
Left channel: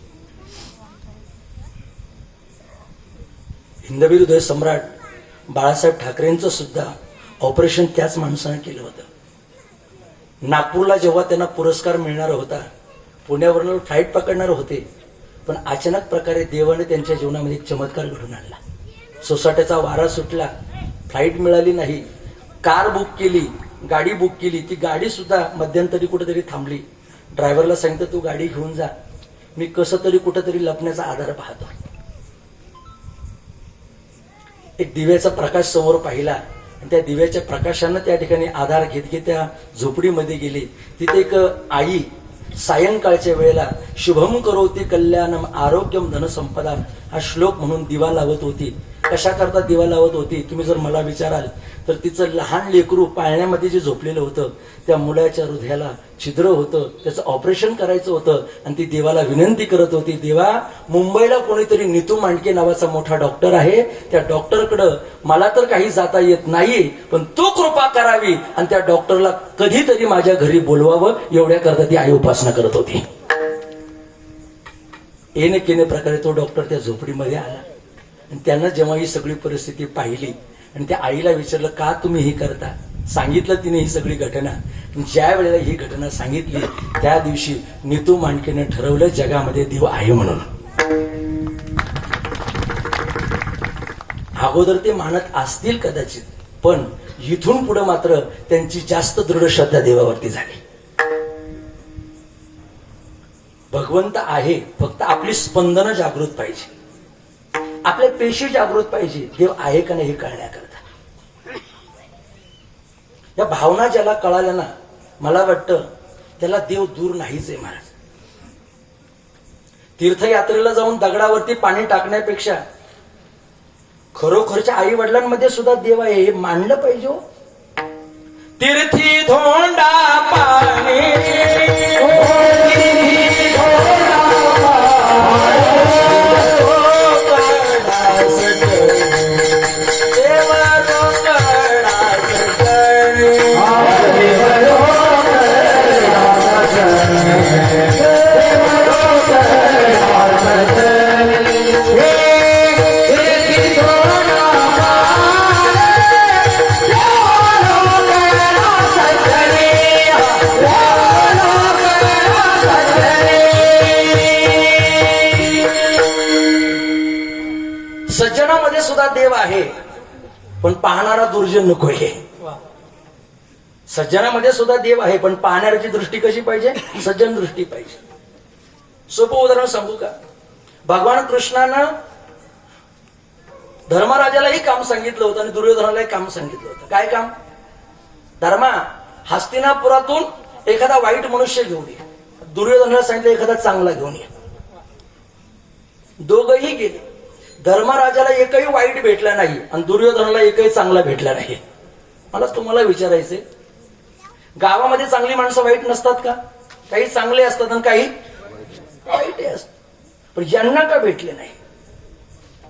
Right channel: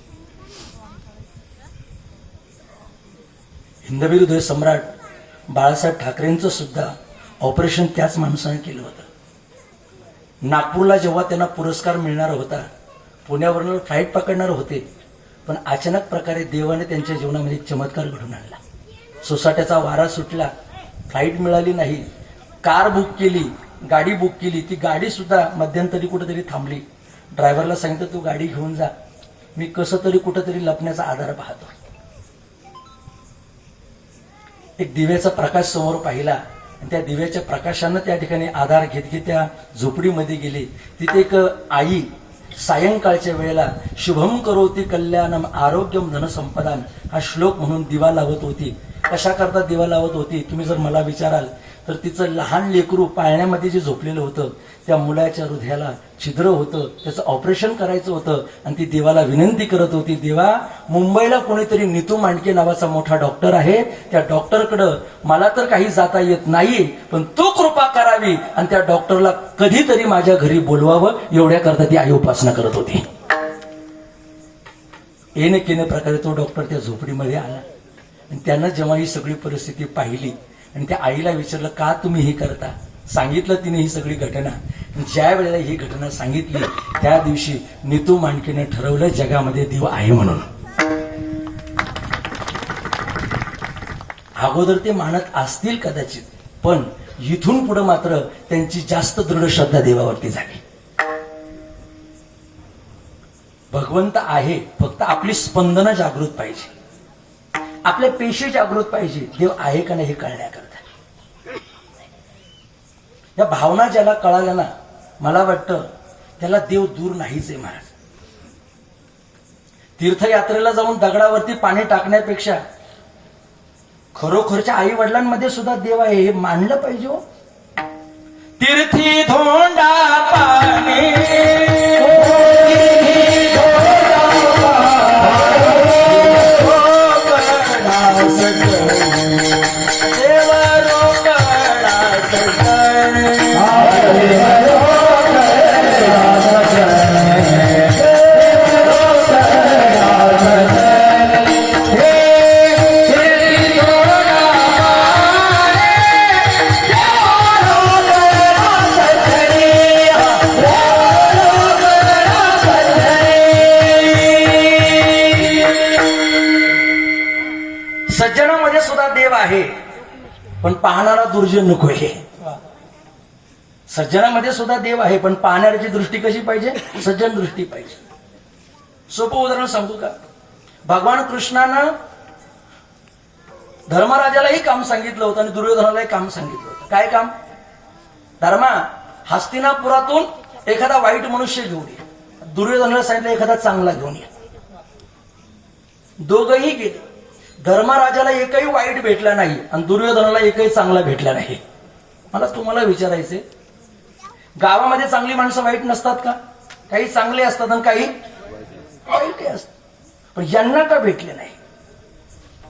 हिंदवी हृदय सम्राट बाळासाहेब ठाकरेंचं सुद्धा ऑपरेशन त्याच माणसानं केलं होतं. नागपूरला जेव्हा त्यांना पुरस्कार मिळणार होता, पुण्यावरून फ्लाईट पकडणार होते, पण अचानक प्रकारे देवाने त्यांच्या जीवनामध्ये एक चमत्कार घडून आणला. सोसाट्याचा वारा सुटला, फ्लाईट मिळाली नाही. कार बुक केली, गाडी बुक केली, ती गाडी सुद्धा मध्यंतरी कुठेतरी थांबली. ड्रायव्हरला सांगितलं तू गाडी घेऊन जा, मी कसं तरी कुठेतरी लपण्याचा आधार पाहतो. एक दिव्याचा प्रकाश समोर पाहिला आणि त्या दिव्याच्या प्रकाशानं त्या ठिकाणी आधार घेत घेत त्या झोपडीमध्ये गेली. तिथे एक आई सायंकाळच्या वेळेला शुभम करोती कल्याणम आरोग्यम धनसंपदाम हा श्लोक म्हणून दिवा लावत होती. कशा करता दिवा लावत होती तुम्ही जर मला विचाराल तर तिचं लहान लेकरू पाळण्यामध्ये जे झोपलेलं होतं त्या मुलाच्या हृदयाला छिद्र होतं, त्याचं ऑपरेशन करायचं होतं आणि ती देवाला विनंती करत होती, देवा मुंबईला कोणीतरी नीतू मांडके नावाचा मोठा डॉक्टर आहे, त्या डॉक्टरकडं मला तर काही जाता येत नाही, पण तू कृपा करावी आणि त्या डॉक्टरला कधीतरी माझ्या घरी बोलवावं, एवढ्या करता ती आई उपासना करत होती. केने प्रकारे तो डॉक्टर त्या झोपडीमध्ये आला आणि त्यानं जेव्हा ही सगळी परिस्थिती पाहिली आणि त्या आईला विचारलं का तुम्ही हे करता, सांगितलं तिने ही सगळी घटना. ज्या वेळेला ही घटना सांगितली त्या दिवशी नीतू मांडकेने ठरवलं जगामध्ये देव आहे म्हणून. अगोदर ते मानत असतील कदाचित, पण इथून पुढे मात्र त्यांची जास्त दृढ श्रद्धा देवावरती झाली. भगवंत आहे, फक्त आपली स्पंदनं जागृत पाहिजे, आपले पेशी जागृत पाहिजे, देव आहे का नाही हे कळण्याकरता. या भावना ज्याला कळाल्या ना, मला वाटतं त्याला देव दूर नाहीच आहे महाराज. तीर्थयात्रेला जाऊन दगडावरती पाणी टाकण्यापेक्षा खरोखरच्या आई वडिलांमध्ये सुद्धा देव आहे हे मानलं पाहिजे. हो. तीर्थी धोंडा पाणी सज्जनामध्ये सुद्धा देव आहे, पण पाहणारा दुर्जन नकोय. सज्जनामध्ये सुद्धा देव आहे, पण पाहणाऱ्याची दृष्टी कशी पाहिजे, सज्जन दृष्टी पाहिजे. सोपं उदाहरण सांगू का? भगवान कृष्णानं धर्मराजालाही काम सांगितलं होतं आणि दुर्योधनालाही काम सांगितलं होतं. काय काम? धर्मा, हस्तिनापुरातून एखादा वाईट मनुष्य घेऊन ये. दुर्योधनाला सांगितलं एखादा चांगला घेऊन ये. दोघंही गेले. धर्मराजाला एकही वाईट भेटला नाही आणि दुर्योधनाला एकही चांगला भेटला नाही. मला तुम्हाला विचारायचंय, गावामध्ये चांगली माणसं वाईट नसतात का? काही चांगले असतात आणि काही वाईट असतात, पण यांना का भेटले नाही?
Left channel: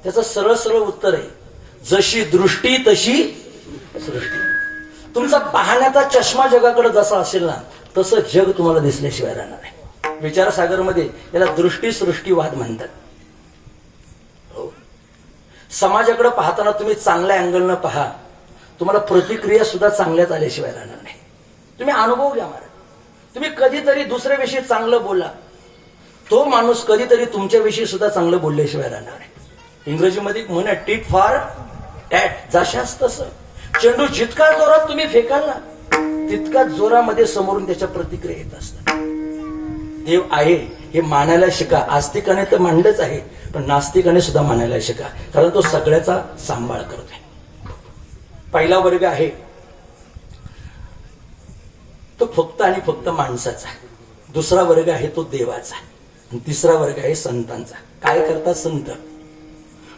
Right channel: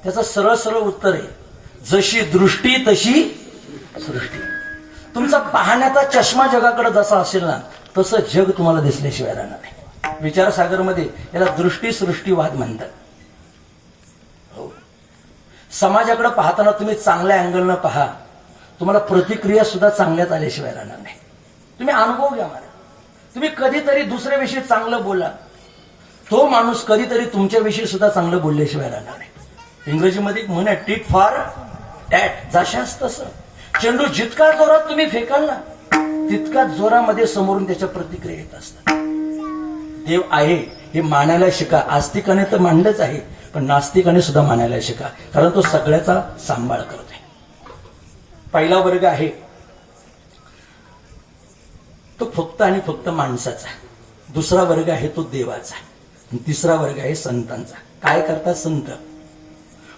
त्याचं सरळ सरळ उत्तर आहे, जशी दृष्टी तशी सृष्टी. तुमचा पाहण्याचा चष्मा जगाकडे जसा असेल ना, तसं जग तुम्हाला दिसल्याशिवाय राहणार नाही. विचारसागरमध्ये याला दृष्टी सृष्टीवाद म्हणतात. समाजाकडे पाहताना तुम्ही चांगल्या अँगलनं पहा, तुम्हाला प्रतिक्रिया सुद्धा चांगल्याच आल्याशिवाय राहणार नाही. तुम्ही अनुभव घ्या मला. तुम्ही कधीतरी दुसऱ्याविषयी चांगलं बोला, तो माणूस कधीतरी तुमच्याविषयी सुद्धा चांगलं बोलल्याशिवाय राहणार नाही. इंग्रजीमध्ये एक म्हण आहे, टीट फॉर टॅट. जशाच तसं चेंडू जितका जोरात तुम्ही फेकाल ना, तितका जोरामध्ये समोरून त्याच्या प्रतिक्रिया येत असतात. देव आहे हे मानायला शिका. आस्तिकाने तर मानलंच आहे, पण नास्तिकाने सुद्धा मानायला शिका, कारण तो सगळ्याचा सांभाळ करतोय. पहिला वर्ग आहे तो फक्त आणि फक्त माणसाचा, दुसरा वर्ग आहे तो देवाचा, आणि तिसरा वर्ग आहे संतांचा. काय करतात संत?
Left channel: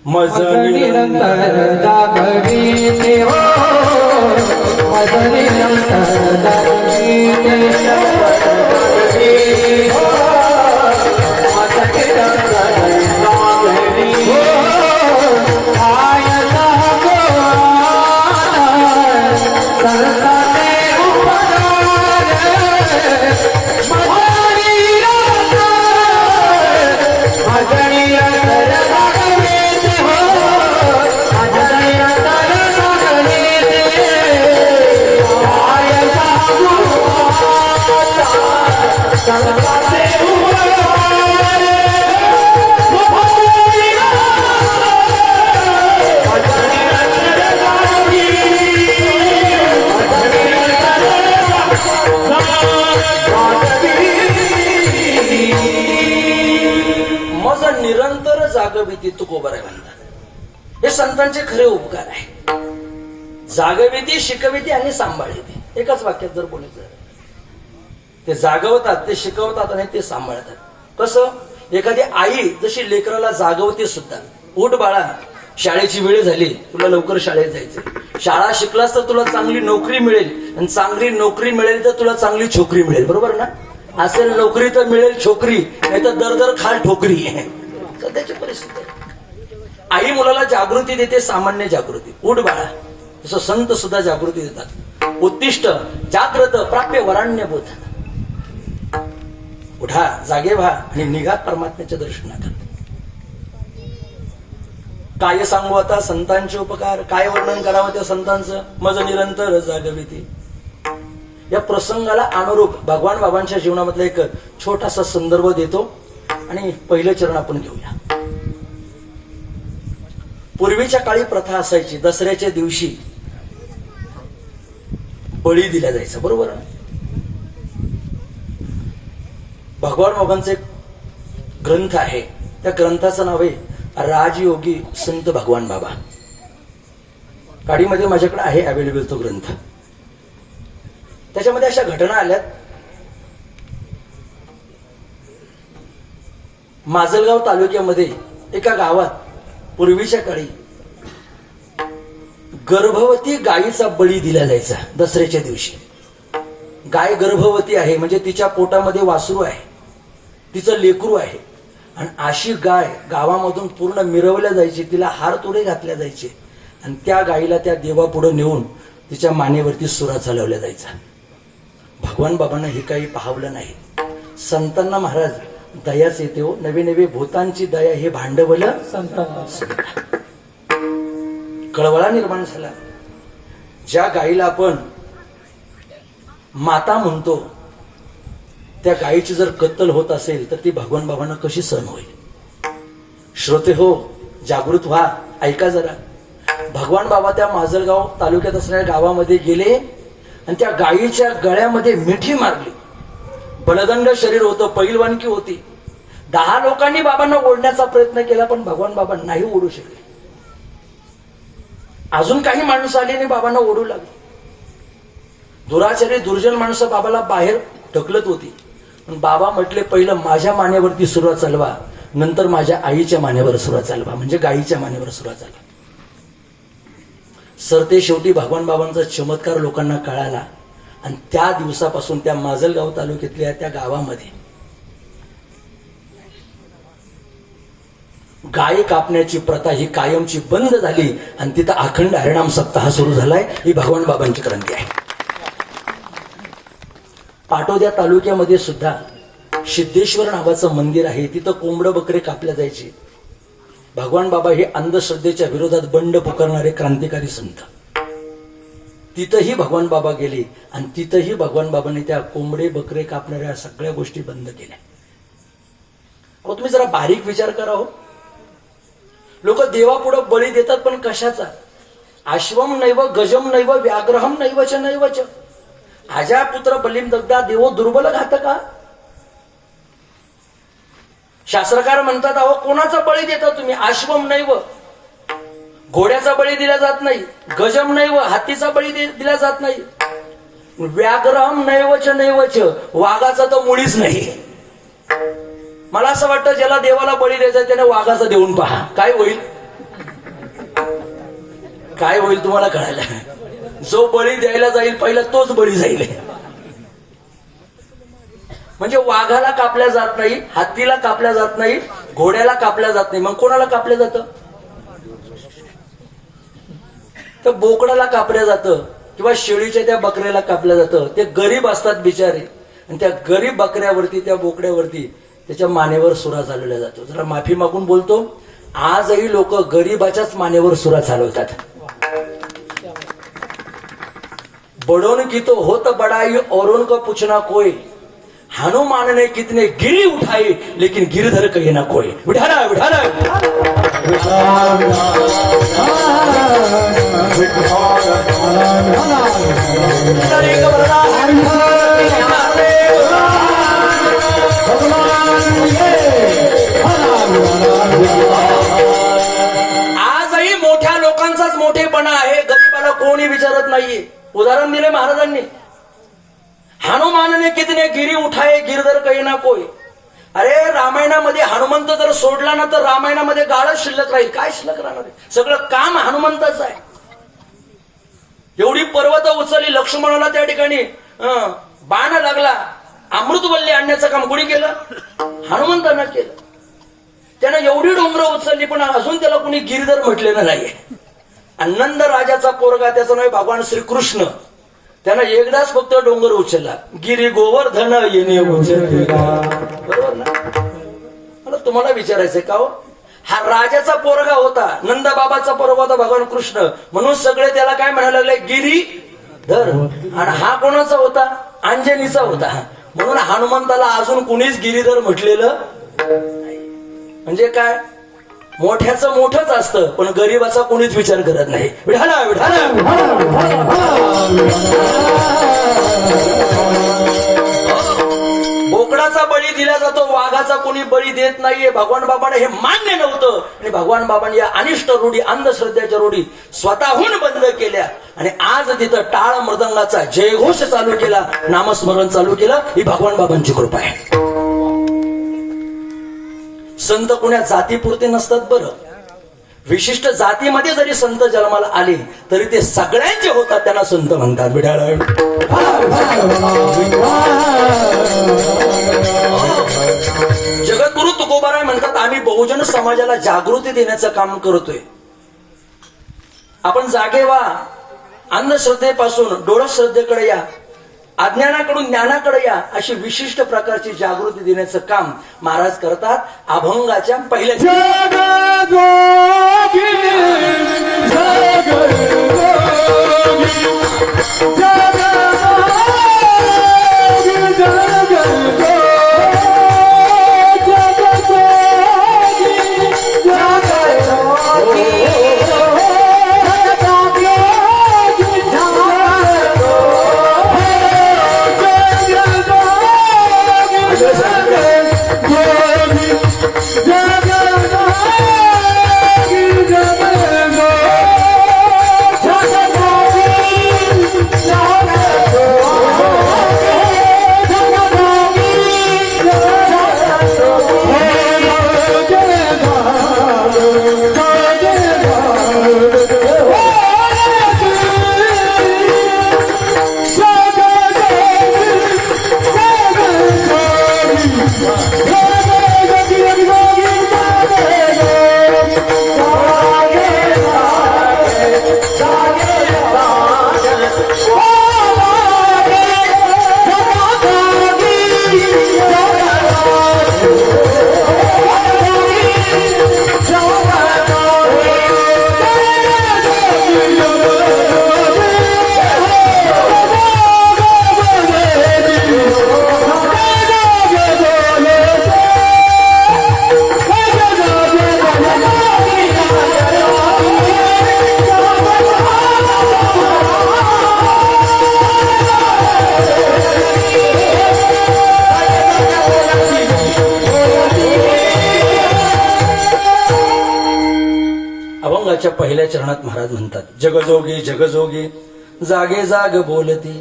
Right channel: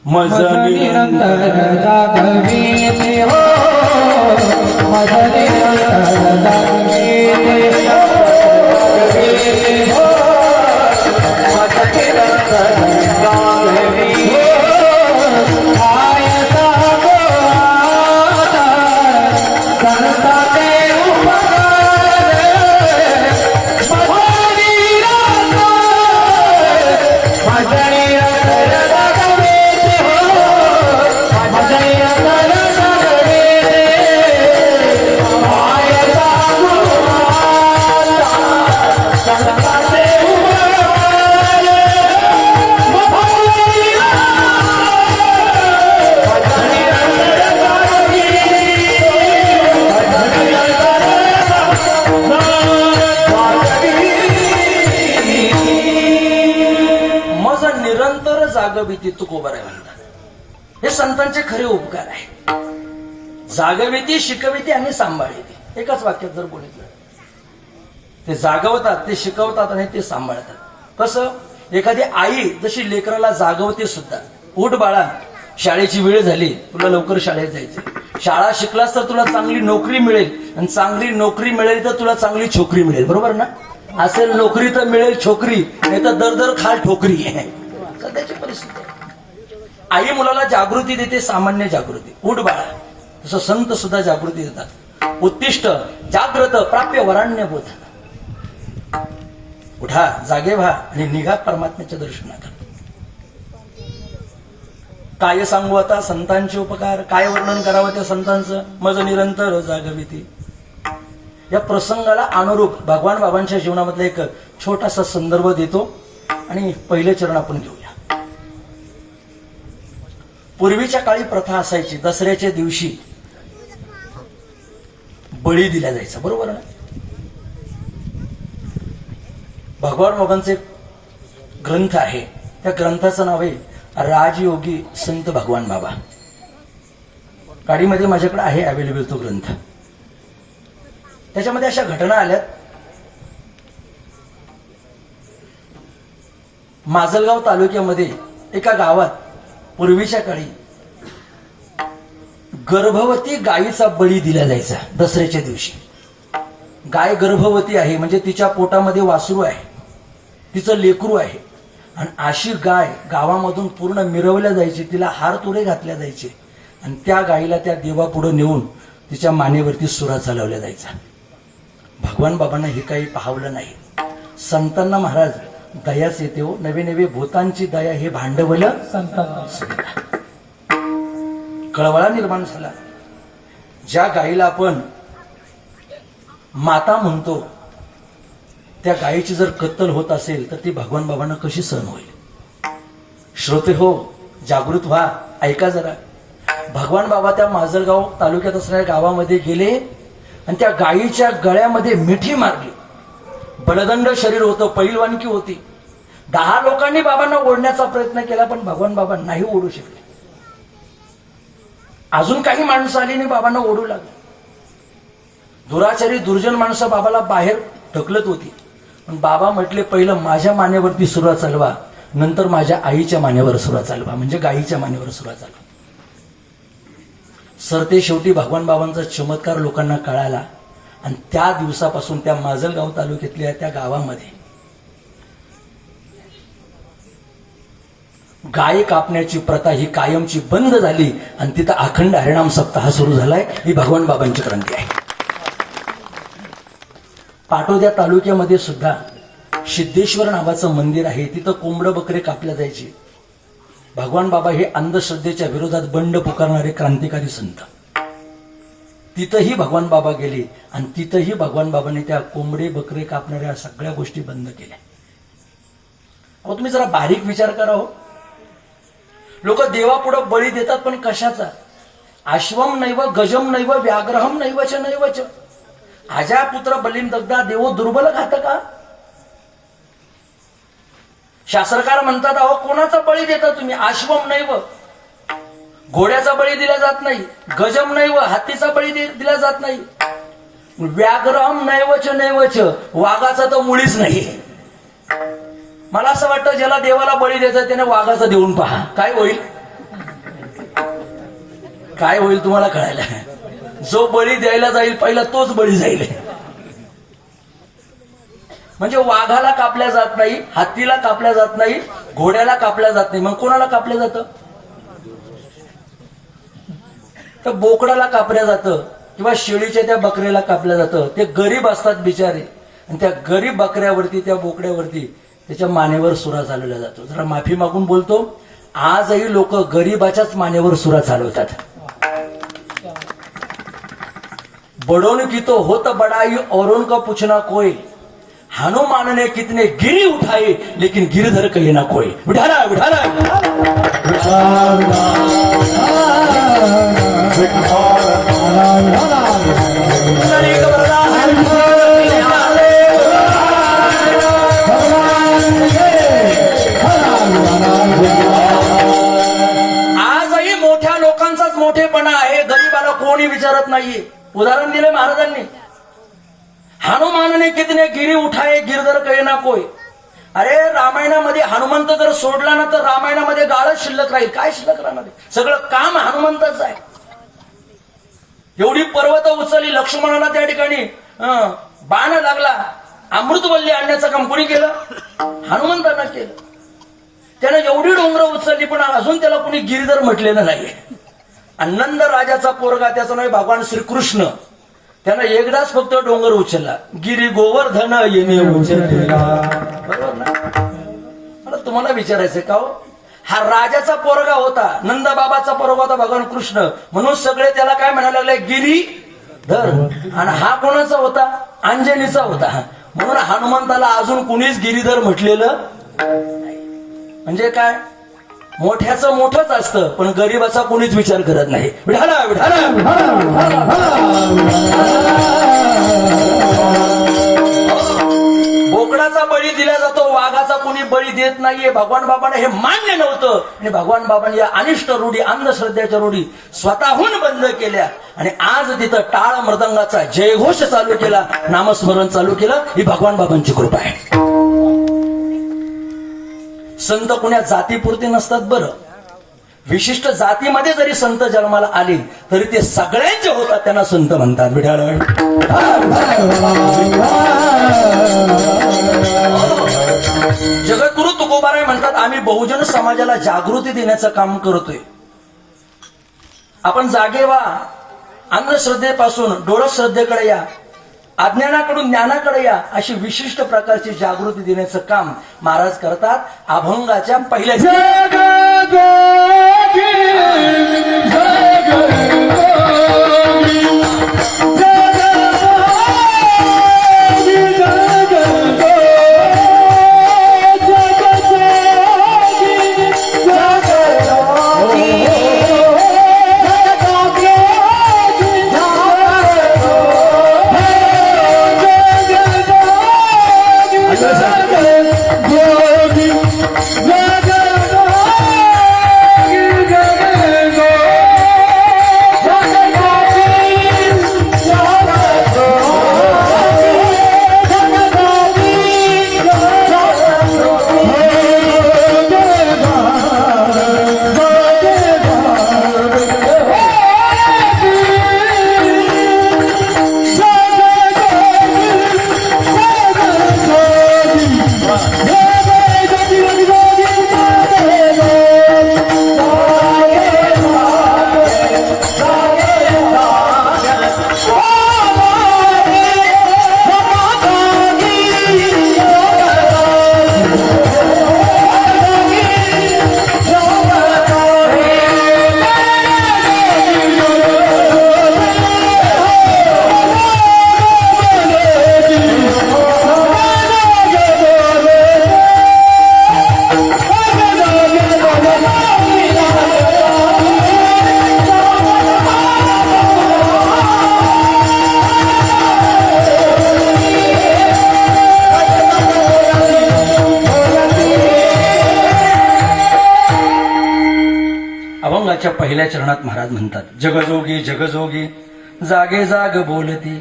मज निरंतर जागविते हो, मज निरंतर जागविते हो, मज निरंतर जागविते हो. आय करता ते उपकार, मज निरंतर जागविते हो, मज निरंतर जागविते. आय करता ते मज निरंतर जागविती तुकोबाराय म्हणतात. हे संतांचे खरे उपकार आहे. जागविती, शिकविती आणि सांभाळिती. एकाच वाक्यात जर बोलायचं, ते जागवतात, ते शिकवतात आणि ते सांभाळतात. कसं? एखादी आई जशी लेकराला जागवते सुद्धा, उठ बाळा, शाळेची वेळ झाली, तुला लवकर शाळेत जायचं. शाळा शिकलास तर तुला चांगली नोकरी मिळेल, आणि चांगली नोकरी मिळेल तर तुला चांगली छोकरी मिळेल. बरोबर ना? असेल नोकरी तर मिळेल छोकरी, नाही तर दर दर खाल ठोकरी आहे सध्याची परिस्थिती. आई मुलाला जागृती देते, सामान्य जागृती. उठ बाळा. तसं संत सुद्धा जागृती देतात. उत्तिष्ठ जाग्रत प्राप्य वराण्यभूत. उठा, जागे व्हा आणि निघा परमात्म्याच्या दर्शनात. काय सांगू आता संतांचे उपकार, काय वर्णन करावं त्या संतांचं. मज निरंतर जागविती. या प्रसंगाला अनुरूप भगवान बाबांच्या जीवनामधला एक छोटासा संदर्भ देतो आणि पहिले चरण आपण घेऊया. पूर्वीच्या काळी प्रथा असायची, दसऱ्याच्या दिवशी बळी दिला जायचा, बरोबर ना. भगवान बाबांचे ग्रंथ आहे, त्या ग्रंथाचं नाव आहे राजयोगी संत भगवान बाबा. गाडीमध्ये माझ्याकडे आहे अवेलेबल तो ग्रंथ. त्याच्यामध्ये अशा घटना आल्यात. माजलगाव तालुक्यामध्ये एका गावात पूर्वीच्या काळी गर्भवती गायीचा बळी दिला जायचा दसऱ्याच्या दिवशी. गाय गर्भवती आहे म्हणजे तिच्या पोटामध्ये वासरू आहे, तिचं लेकरू आहे, आणि अशी गाय गावामधून पूर्ण मिरवल्या जायची, तिला हार तुरे घातल्या जायचे, आणि त्या गायीला त्या देवापुढे नेऊन तिच्या मानेवरती सुरा चालवल्या जायचा. भगवान बाबांना हे काही पाहवलं नाही. संतांना महाराज दयाच येते हो. नवे नवे भूतांची दया हे भांडवल संतांना. कळवळा निर्माण झाला. ज्या गायीला आपण माता म्हणतो त्या गायीची जर कत्तल होत असेल तर ती भगवान बाबांना कशी सहन होईल. श्रोते हो, जागृत व्हा, ऐका जरा. भगवान बाबा त्या माजलगाव तालुक्यात असणाऱ्या गावामध्ये गेले आणि त्या गायीच्या गळ्यामध्ये मिठी मारली. बलदंड शरीर होतं, पैलवानकी होती. 10 लोकांनी बाबांना ओढण्याचा प्रयत्न केला पण भगवान बाबा नाही ओढू शकले. अजून काही माणसं आली आणि बाबांना ओढू लागली. दुराचारी दुर्जन माणसं बाबाला बाहेर ढकलत होती, पण बाबा म्हटले पहिलं माझ्या मानेवरती सुरुवात चालवा, नंतर माझ्या आईच्या मानेवर सुरुवात चालवा, म्हणजे गायीच्या मानेवर सुरुवात चालवा. सरते शेवटी भगवान बाबांचा चमत्कार लोकांना कळाला आणि त्या दिवसापासून त्या माजलगाव तालुक्यातल्या त्या गावामध्ये गाय कापण्याची प्रथा ही कायमची बंद झाली आणि तिथं अखंड हरिनाम सप्ताह सुरू झालाय. ही भगवान बाबांची क्रांती आहे. पाटोद्या तालुक्यामध्ये सुद्धा सिद्धेश्वर नावाचं मंदिर आहे. तिथं कोंबडं बकरे कापल्या जायचे. भगवान बाबा हे अंधश्रद्धेच्या विरोधात बंड पुकारणारे क्रांतिकारी संत. तिथंही भगवान बाबा गेले आणि तिथंही भगवान बाबांनी त्या कोंबडे बकरे कापणाऱ्या सगळ्या गोष्टी बंद केल्या. अहो तुम्ही जरा बारीक विचार करा हो. लोक देवापुढं बळी देतात पण कशाचा. अश्वम नैव गजम नैव व्याघ्रहम नैवच नैवच आजा पुत्र बलिम दग्धा देवो दुर्बल घात का. शास्त्रकार म्हणतात अहो कोणाचा बळी देता तुम्ही. अश्वम नैव घोड्याचा बळी दिला जात नाही, गजम नैव हातीचा बळी दिला जात नाही, व्याघ्रहम नैवच नैवच वाघाचा तर मुळीच नाही. मला असं वाटतं ज्याला देवाला बळी द्यायचा त्याने वाघाचा देऊन पहा, काय होईल. काय होईल तुम्हाला कळायला. जो बळी द्यायला जाईल पहिला तोच बळी जाईल. म्हणजे वाघाला कापल्या जात नाही, हत्तीला कापल्या जात नाही, घोड्याला कापल्या जात नाही, मग कोणाला कापलं जातं. तर बोकडाला कापल्या जातं किंवा शेळीच्या त्या बकऱ्याला कापल्या जातं. ते गरीब असतात बिचारे आणि त्या गरीब बकऱ्यावरती त्या बोकड्यावरती त्याच्या मानेवर सुरा चालवल्या जातो. जरा माफी मागून बोलतो, आजही लोक गरीबाच्याच मानेवर सुरा चालवतात. बड़ों की तो होत बड़ाई औरों का पूछना कोई, हनुमान ने कितने गिरी उठाई लेकिन गिरधर कहीं ना कोई. उठाना उठाना आजही मोठ्या लोकांचाच मोठेपणा आहे, गरीबाला कोणी विचारत नाहीये. उदाहरण दिले महाराजांनी, हनुमान ने कितने गिरी उठाए गिरधर कहे ना कोई. अरे रामायणामध्ये हनुमंत जर सोडला ना तर रामायणामध्ये गाळच शिल्लक राहील. काय शिल्लक राहणार. सगळं काम हनुमंताचं आहे. एवढी पर्वत उचलली, लक्ष्मणाला त्या ठिकाणी बाण लागला, अमृतवल्ली आणण्याचं काम कोणी केलं. हनुमंतानं केलं. त्यानं एवढी डोंगर उचलली पण अजून त्याला कोणी गिरिधर म्हटलेलं नाही. नंद राजाचा पोरगा त्याचं नाव भगवान श्रीकृष्ण, त्यानं एकदाच फक्त डोंगर उचलला, गिरी गोवर्धन येणे उचलला. बरोबर ना? मला तुम्हाला विचारायचंय का हो, हा राजाचा पोरगा होता, नंदबाबाचा पोरगा होता भगवान कृष्ण, म्हणून सगळे त्याला काय म्हणायला लागले, गिरीधर. आणि हा कोणाचा होता, अंजनीचा होता, म्हणून हनुमंताला अजून कुणीच गिरीधर म्हटलेलं नाही. म्हणजे काय, मोठ्याचं मोठंच असतं पण गरीबाचा कुणीच विचार करत नाही. विठाला विठाला. बोकडाचा बळी दिला जातो, वाघाचा कोणी बळी देत नाहीये. भगवान बाबांना हे मान्य नव्हतं आणि भगवान बाबांनी या अनिष्ट रूढी, अंधश्रद्धेच्या रूढी स्वतःहून बंद केल्या आणि आज तिथं टाळ मृदंगाचा जयघोष चालू केला, नामस्मरण चालू केलं. ही भगवान बाबांची कृपा आहे. संत कुण्या जातीपुरते नसतात बरं, विशिष्ट जातीमध्ये जरी संत जन्माला आले तरी ते सगळ्यांचे होतात, त्यांना संत म्हणतात. विठाळ. जगद्गुरु तुकोबाराय म्हणतात, आम्ही बहुजन समाजाला जागृती देण्याचं काम करतोय. आपण जागे व्हा, अंधश्रद्धेपासून डोळा श्रद्धेकडे या, अज्ञानाकडून ज्ञानाकडे या, अशी विशिष्ट प्रकारची जागृती देण्याचं काम महाराज करतात. अभंगाच्या पहिल्या अभंगाच्या पहिल्या चरणात महाराज म्हणतात, जगजोगी जगजोगी जागे जाग बोलती.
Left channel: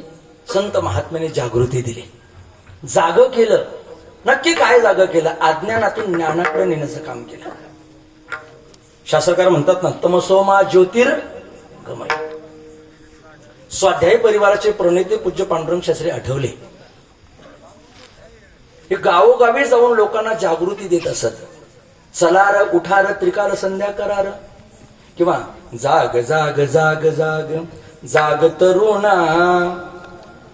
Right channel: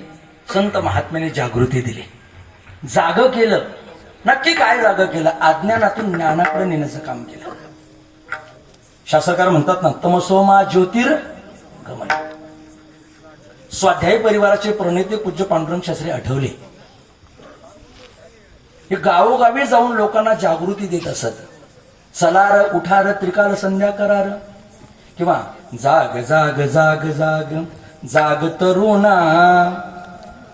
संत महात्म्याने जागृती दिली, जाग केलं. नक्की काय जाग केलं, अज्ञानातून ज्ञानाकडे नेण्याचं काम केलं. शास्त्रकार म्हणतात ना, तमसोमा ज्योतिर्गमय. स्वाध्याय परिवाराचे प्रणेते पूज्य पांडुरंग शास्त्री आठवले हे गावोगावी जाऊन लोकांना जागृती देत असत. चलार उठार त्रिकाल संध्या करार, किंवा जाग जाग जाग जाग जाग तरुणा,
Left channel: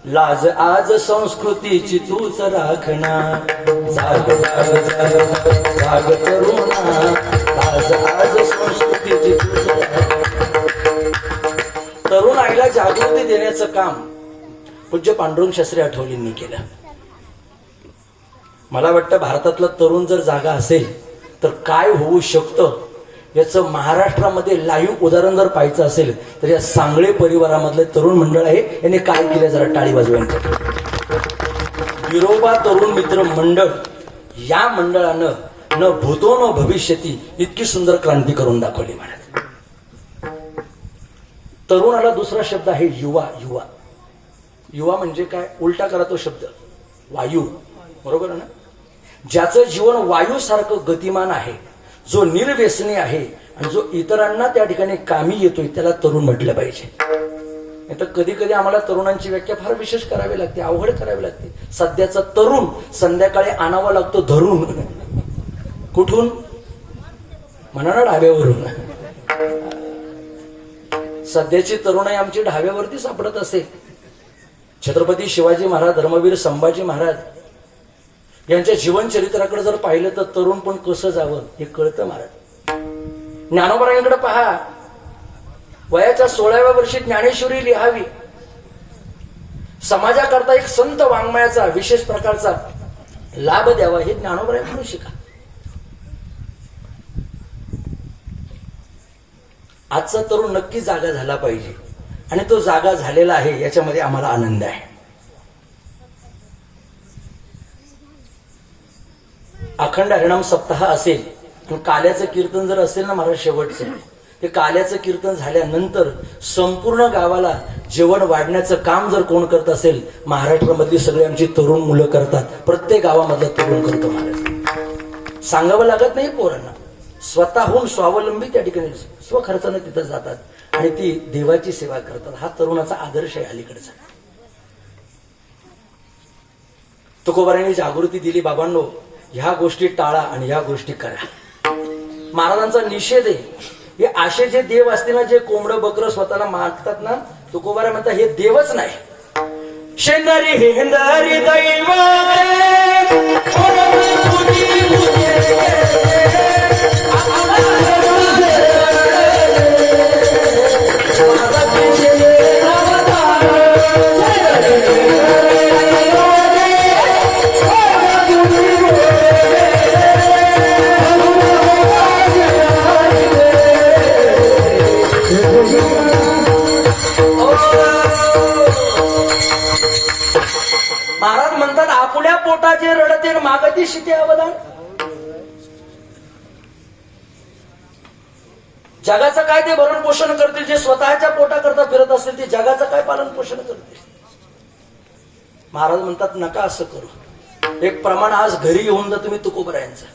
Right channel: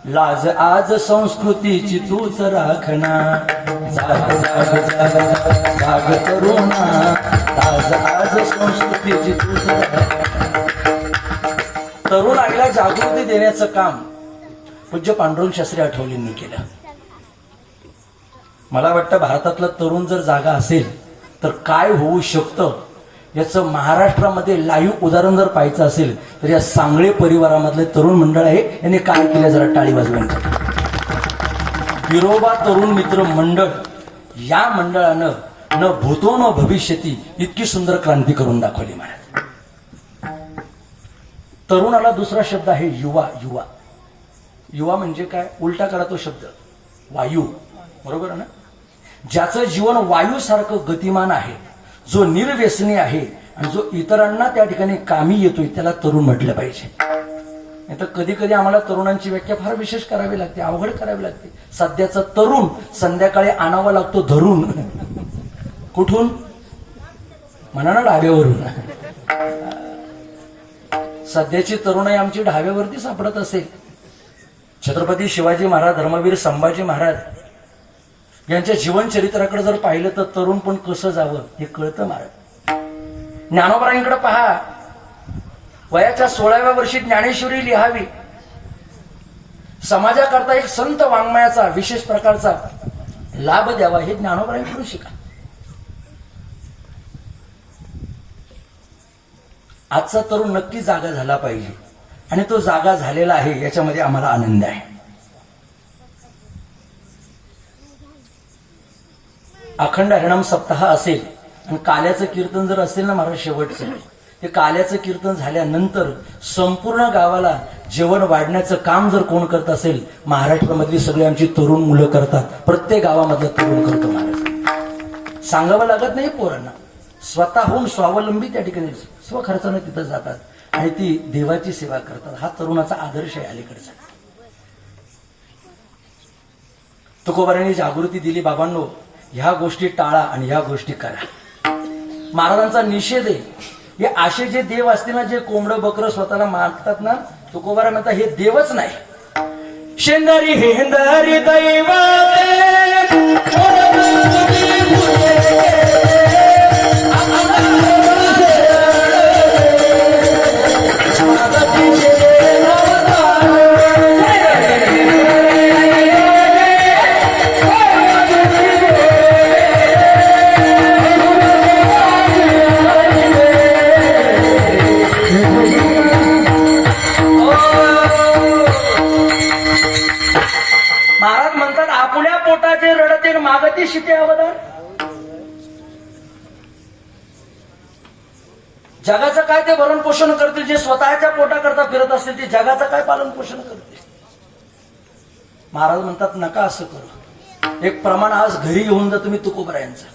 लाज आज संस्कृतीची तूच राखणा. जाग जाग जाग जाग तरुणा, लाज आज संस्कृतीची तूच राखणा. तरुण आईला जागृती देण्याचं काम पूज्य पांडुरंग शास्त्री आठवलेंनी केलं. मला वाटतं भारतातला तरुण जर जागा असेल तर काय होऊ शकतं याचं महाराष्ट्रामध्ये लाईव्ह उदाहरण जर पाहायचं असेल तर या सांगळे परिवारामधले तरुण मंडळ आहे, यांनी काय केलं जरा टाळी वाजवण्यासाठी. विरोबा तरुण मित्र मंडळ या मंडळानं न भूतो न भविष्यती इतकी सुंदर क्रांती करून दाखवली महाराज. तरुणाला दुसरा शब्द आहे युवा. युवा युवा म्हणजे काय, उलटा करा तो शब्द, वायू. बरोबर आहे ना? ज्याचं जीवन वायूसारखं गतिमान आहे, जो निर्व्यसनी आहे आणि जो इतरांना त्या ठिकाणी कामी येतोय, त्याला तरुण म्हटलं पाहिजे. नाही तर कधी कधी आम्हाला तरुणांची व्याख्या फार विशेष करावी लागते, अवघड करावी लागते. सध्याचा तरुण संध्याकाळी आणावा लागतो धरून. कुठून? म्हणा ना, ढाब्यावरून. सध्याची तरुणाई आमची ढाब्यावरती सापडत असेल. छत्रपती शिवाजी महाराज, धर्मवीर संभाजी महाराज यांच्या जीवनचरित्राकडे जर पाहिलं तर तरुण पण कसं जावं हे कळतं महाराज. ज्ञानोबारांकडे पहा, वयाच्या 16व्या वर्षी ज्ञानेश्वरी लिहावी, समाजाकरता एक संत वाङ्मयाचा विशेष प्रकारचा लाभ द्यावा, हे ज्ञानोबारांकडून शिका. आजचा तरुण नक्की जागा झाला पाहिजे आणि तो जागा झालेला आहे, याच्यामध्ये आम्हाला आनंद आहे. अखंड हरिनाम सप्ताह असेल आणि काल्याचं कीर्तन जर असेल ना महाराज शेवटचं, ते काल्याचं कीर्तन झाल्यानंतर संपूर्ण गावाला जेवण वाढण्याचं काम जर कोण करत असेल, महाराष्ट्रामधली सगळी आमची तरुण मुलं करतात. प्रत्येक गावामधला तरुण करतो महाराज. सांगावं लागत नाही पोरांना, स्वतःहून स्वावलंबी त्या ठिकाणी स्वखर्चानं तिथं जातात आणि ती देवाची सेवा करतात. हा तरुणाचा आदर्श आहे अलीकडचा. तुकोबारांनी जागृती दिली, बाबांनो ह्या गोष्टी टाळा आणि ह्या गोष्टी करा. महाराजांचा निषेध आहे. हे असे जे देव असते ना, जे कोंबडं बकरं स्वतःला मागतात ना, तुकोबारा म्हणतात हे देवच नाही. शेंदरी हेंदरी दैव महाराज म्हणतात आपल्या पोटाचे रडते मागती शिते अवदान. जगाचं काय ते भरण पोषण करतील, जे स्वतःच्या पोटा करता फिरत असतील ते जगाचं काय पालन पोषण करतील. महाराज म्हणतात नका असं करू. एक प्रमाण आज घरी घेऊन जा तुम्ही तुकोबरायांचं.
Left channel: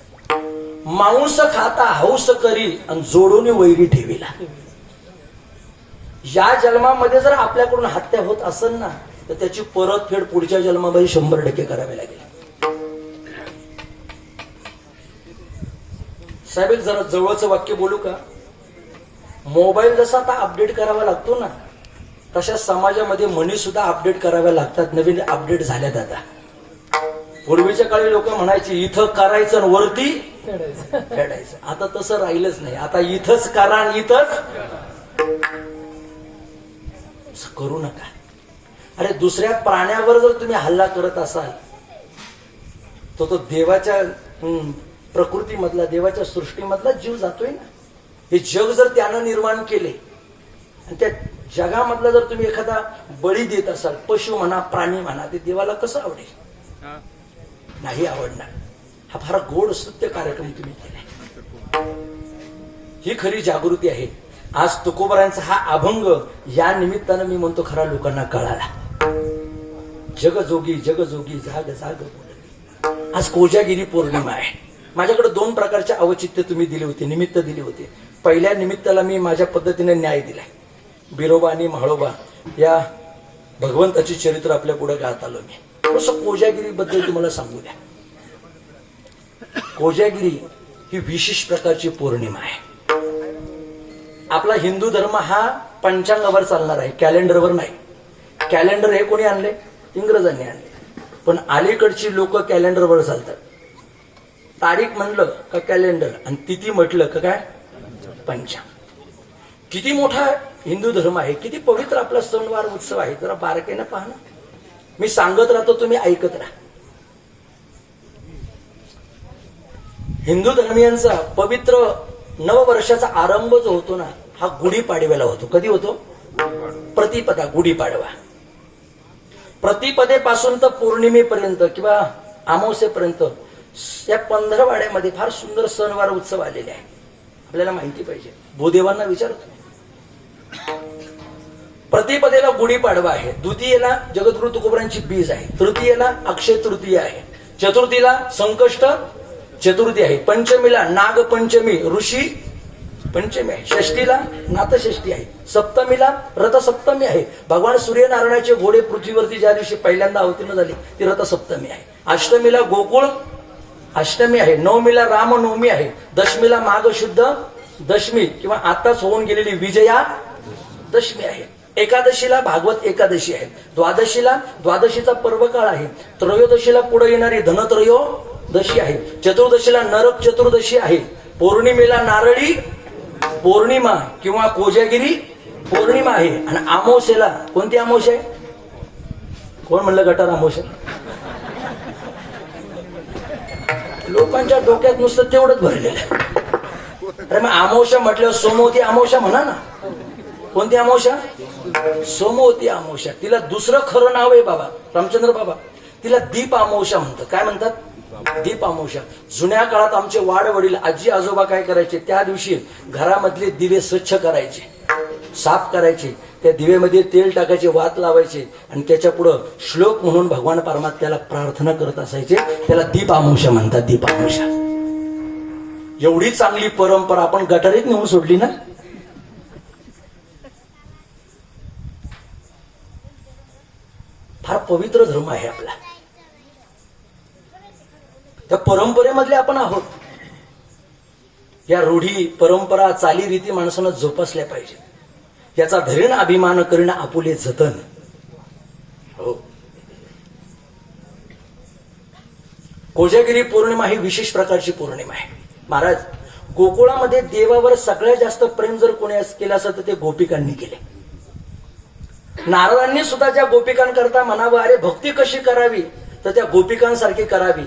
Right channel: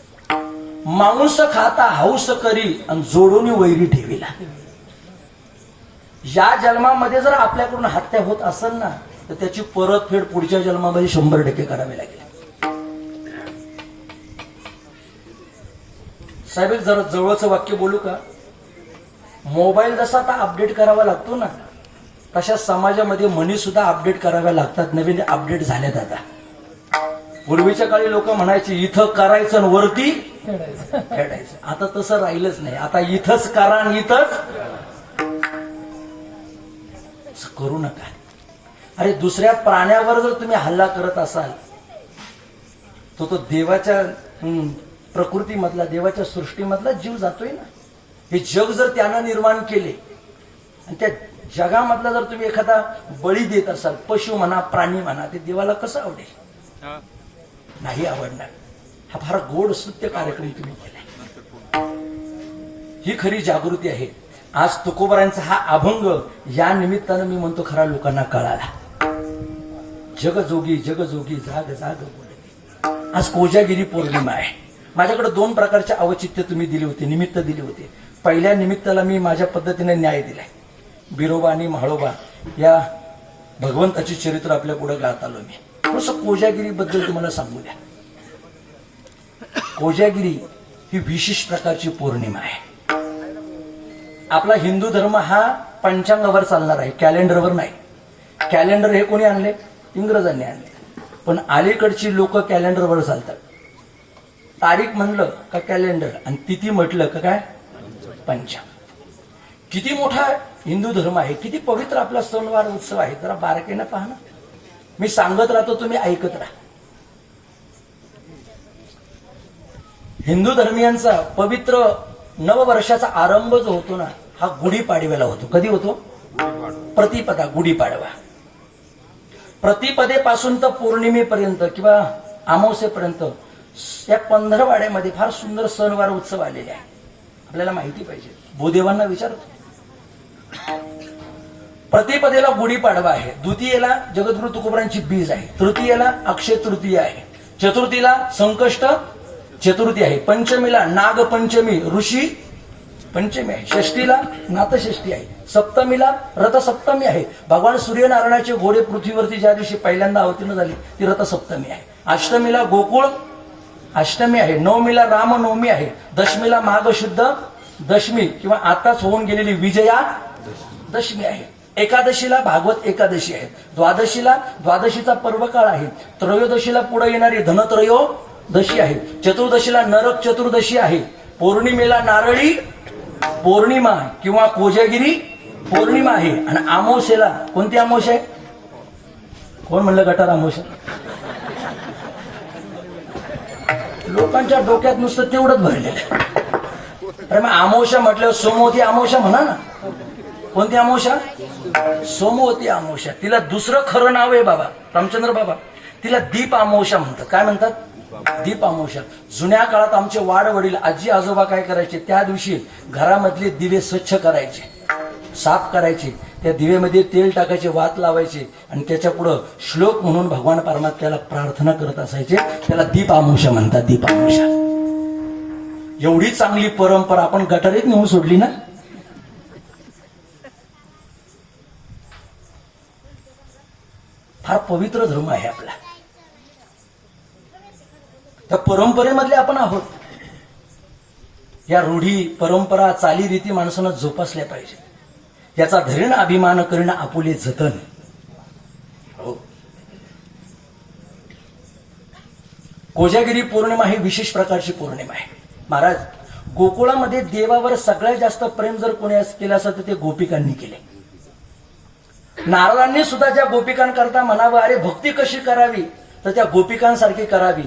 मांस खाता हौस करी आणि जोडून वैरी ठेवीला. या जन्मामध्ये जर आपल्याकडून हत्या होत असेल ना, तर त्याची परतफेड पुढच्या जन्मामध्ये 100% करावी लागेल. साहेब जरा जवळचं वाक्य बोलू का? मोबाईल जसा आता अपडेट करावा लागतो ना, तशा समाजामध्ये म्हणी सुद्धा अपडेट कराव्या लागतात. नवीन अपडेट झाल्यात आता. पूर्वीच्या काळी लोक म्हणायची इथं करायचं आणि वरती फेडायचं. आता तसं राहिलंच नाही. आता इथंच करा आणि इथंच करू नका. अरे दुसऱ्या प्राण्यावर जर तुम्ही हल्ला करत असाल तर तो देवाच्या प्रकृतीमधला, देवाच्या सृष्टीमधला जीव जातोय ना. हे जग जर त्यानं निर्माण केले आणि त्या जगामधला जर तुम्ही एखादा बळी देत असाल, पशु म्हणा प्राणी म्हणा, ते देवाला कसं आवडेल? नाही आवडणार. हा फार गोड स्तुत्य कार्यक्रम तुम्ही केलाय. ही खरी जागृती आहे. आज तुकोबारांचा हा अभंग या निमित्तानं मी म्हणतो खरा लोकांना कळाला. जगजोगी जगजोगी जाग जाग बोलली. आज कोजागिरी पौर्णिमा आहे. माझ्याकडे 2 प्रकारचे अवचित्य तुम्ही दिले होते, निमित्त दिले होते. पहिल्या निमित्ताला मी माझ्या पद्धतीने न्याय दिलाय. बिरोबा आणि म्हाळोबा या भगवंताची चरित्र आपल्या पुढे गात आलो मी. थोडंसं कोजागिरी बद्दल तुम्हाला सांगू द्या. कोजागिरी ही विशेष प्रकारची पौर्णिमा आहे. आपला हिंदू धर्म हा पंचांगावर चालणार आहे, कॅलेंडरवर नाही. कॅलेंडर हे कोणी आणले? इंग्रजांनी आणले. पण अलीकडची लोक कॅलेंडरवर चालतात. तारीख म्हणलं का कॅलेंडर आणि तिथी म्हटलं का काय पंचांग. किती मोठा हिंदू धर्म आहे, किती पवित्र आपला सणवार उत्सव आहे. जरा बारकाईनं पहा ना. मी सांगत राहतो, तुम्ही ऐकत राहा. हिंदू धर्मियांचा पवित्र नववर्षाचा आरंभ जो होतो ना, हा गुढीपाडव्याला होतो. कधी होतो? प्रतिपदा, गुढीपाडवा. प्रतिपदेपासून तर पौर्णिमेपर्यंत किंवा अमावस्येपर्यंत या 15 वाड्यामध्ये फार सुंदर सणवार उत्सव आलेले आहे. आपल्याला माहिती पाहिजे. भूदेवांना विचारतो. प्रतिपदेला गुढीपाडवा आहे, द्वितीयेला जगद्गुरु तुकोबारांची बीज आहे, तृतीयेला अक्षय तृतीय आहे, चतुर्थीला संकष्ट चतुर्थी आहे, पंचमीला नागपंचमी ऋषी पंचमी आहे, षष्टीला नाथषष्ठी आहे, सप्तमीला रथसप्तमी आहे. भगवान सूर्यनारायणाचे घोडे पृथ्वीवरती ज्या दिवशी पहिल्यांदा अवतीर्ण झाली ती रथसप्तमी आहे. अष्टमीला गोकुळ अष्टमी आहे, नवमीला रामनवमी आहे, दशमीला माघ शुद्ध दशमी किंवा आताच होऊन गेलेली विजया दशमी आहे. एकादशीला भागवत एकादशी आहे, द्वादशीला द्वादशीचा पर्व काळ आहे, त्रयोदशीला पुढे येणारी धनत्रयोदशी आहे, चतुर्दशीला नरक चतुर्दशी आहे, पौर्णिमेला नारळी पौर्णिमा किंवा कोजागिरी पौर्णिमा आहे, आणि अमावस्येला कोणती अमावस्या आहे? कोण म्हणलं गटार अमावस्या? लोकांच्या डोक्यात नुसतं तेवढंच भरलेलं आहे. अरे मग अमावस्या म्हटल्यावर सोमवती अमावस्या म्हणा ना. कोणती अमावस्या? सोमवती अमावस्या. तिला दुसरं खरं नाव आहे बाबा रामचंद्र बाबा, तिला दीप अमावस्या म्हणतात. काय म्हणतात? दीप अमावस्या. जुन्या काळात आमचे वाडवडील आजी आजोबा काय करायचे, त्या दिवशी घरामधले दिवे स्वच्छ करायचे, साफ करायचे, त्या दिवेमध्ये तेल टाकायचे, वात लावायचे, आणि त्याच्या पुढं श्लोक म्हणून भगवान परमात्म्याला प्रार्थना करत असायचे. त्याला दीप अमावस्या म्हणतात. दीप अमावस्या. एवढी चांगली परंपरा आपण गटारीत नेऊन सोडली ना. फार पवित्र धर्म आहे आपला. त्या परंपरेमधले आपण आहोत. या रूढी परंपरा चालीरीती माणसानं जोपासल्या पाहिजे. याचा धरीण अभिमान करीन आपुले जतन. हो. कोजागिरी पौर्णिमा ही विशेष प्रकारची पौर्णिमा आहे. महाराज, गोकुळामध्ये देवावर सगळ्यात जास्त प्रेम जर कोणी केलं असं तर ते गोपिकांनी केले. नारदांनी सुद्धा ज्या गोपिकांकरता म्हणावं, अरे भक्ती कशी करावी, तर त्या गोपिकांसारखी करावी.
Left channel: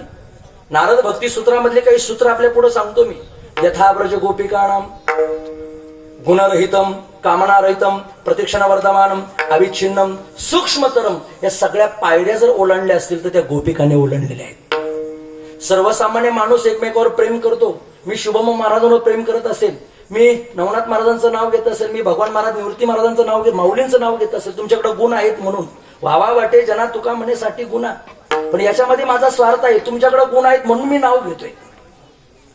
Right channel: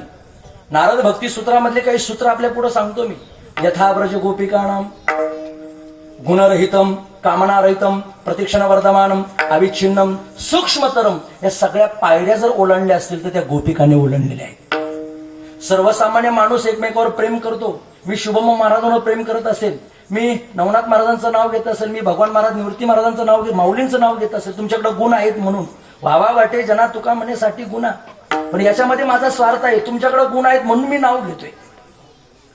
नारद भक्ती सूत्रामधले काही सूत्र आपल्या पुढे सांगतो मी. यथाव्रज गोपिकाणाम गुणरहितम कामनारहितम प्रतीक्षण वर्धमानम अविच्छिन्नम सूक्ष्मतरम, या सगळ्या पायऱ्या जर ओलांडल्या असतील तर त्या गोपिकांनी ओलांडलेल्या आहेत. सर्वसामान्य माणूस एकमेकावर प्रेम करतो. मी शुभम महाराजांवर प्रेम करत असेल, मी नवनाथ महाराजांचं नाव घेत असेल, मी भगवान महाराज निवृत्ती महाराजांचं नाव घेत, माऊलींचं नाव घेत असेल, तुमच्याकडे गुण आहेत म्हणून वावा वाटे जना तुका म्हणण्यासाठी गुन्हा, पण याच्यामध्ये माझा स्वार्थ आहे. तुमच्याकडे गुण आहेत म्हणून मी नाव घेतोय.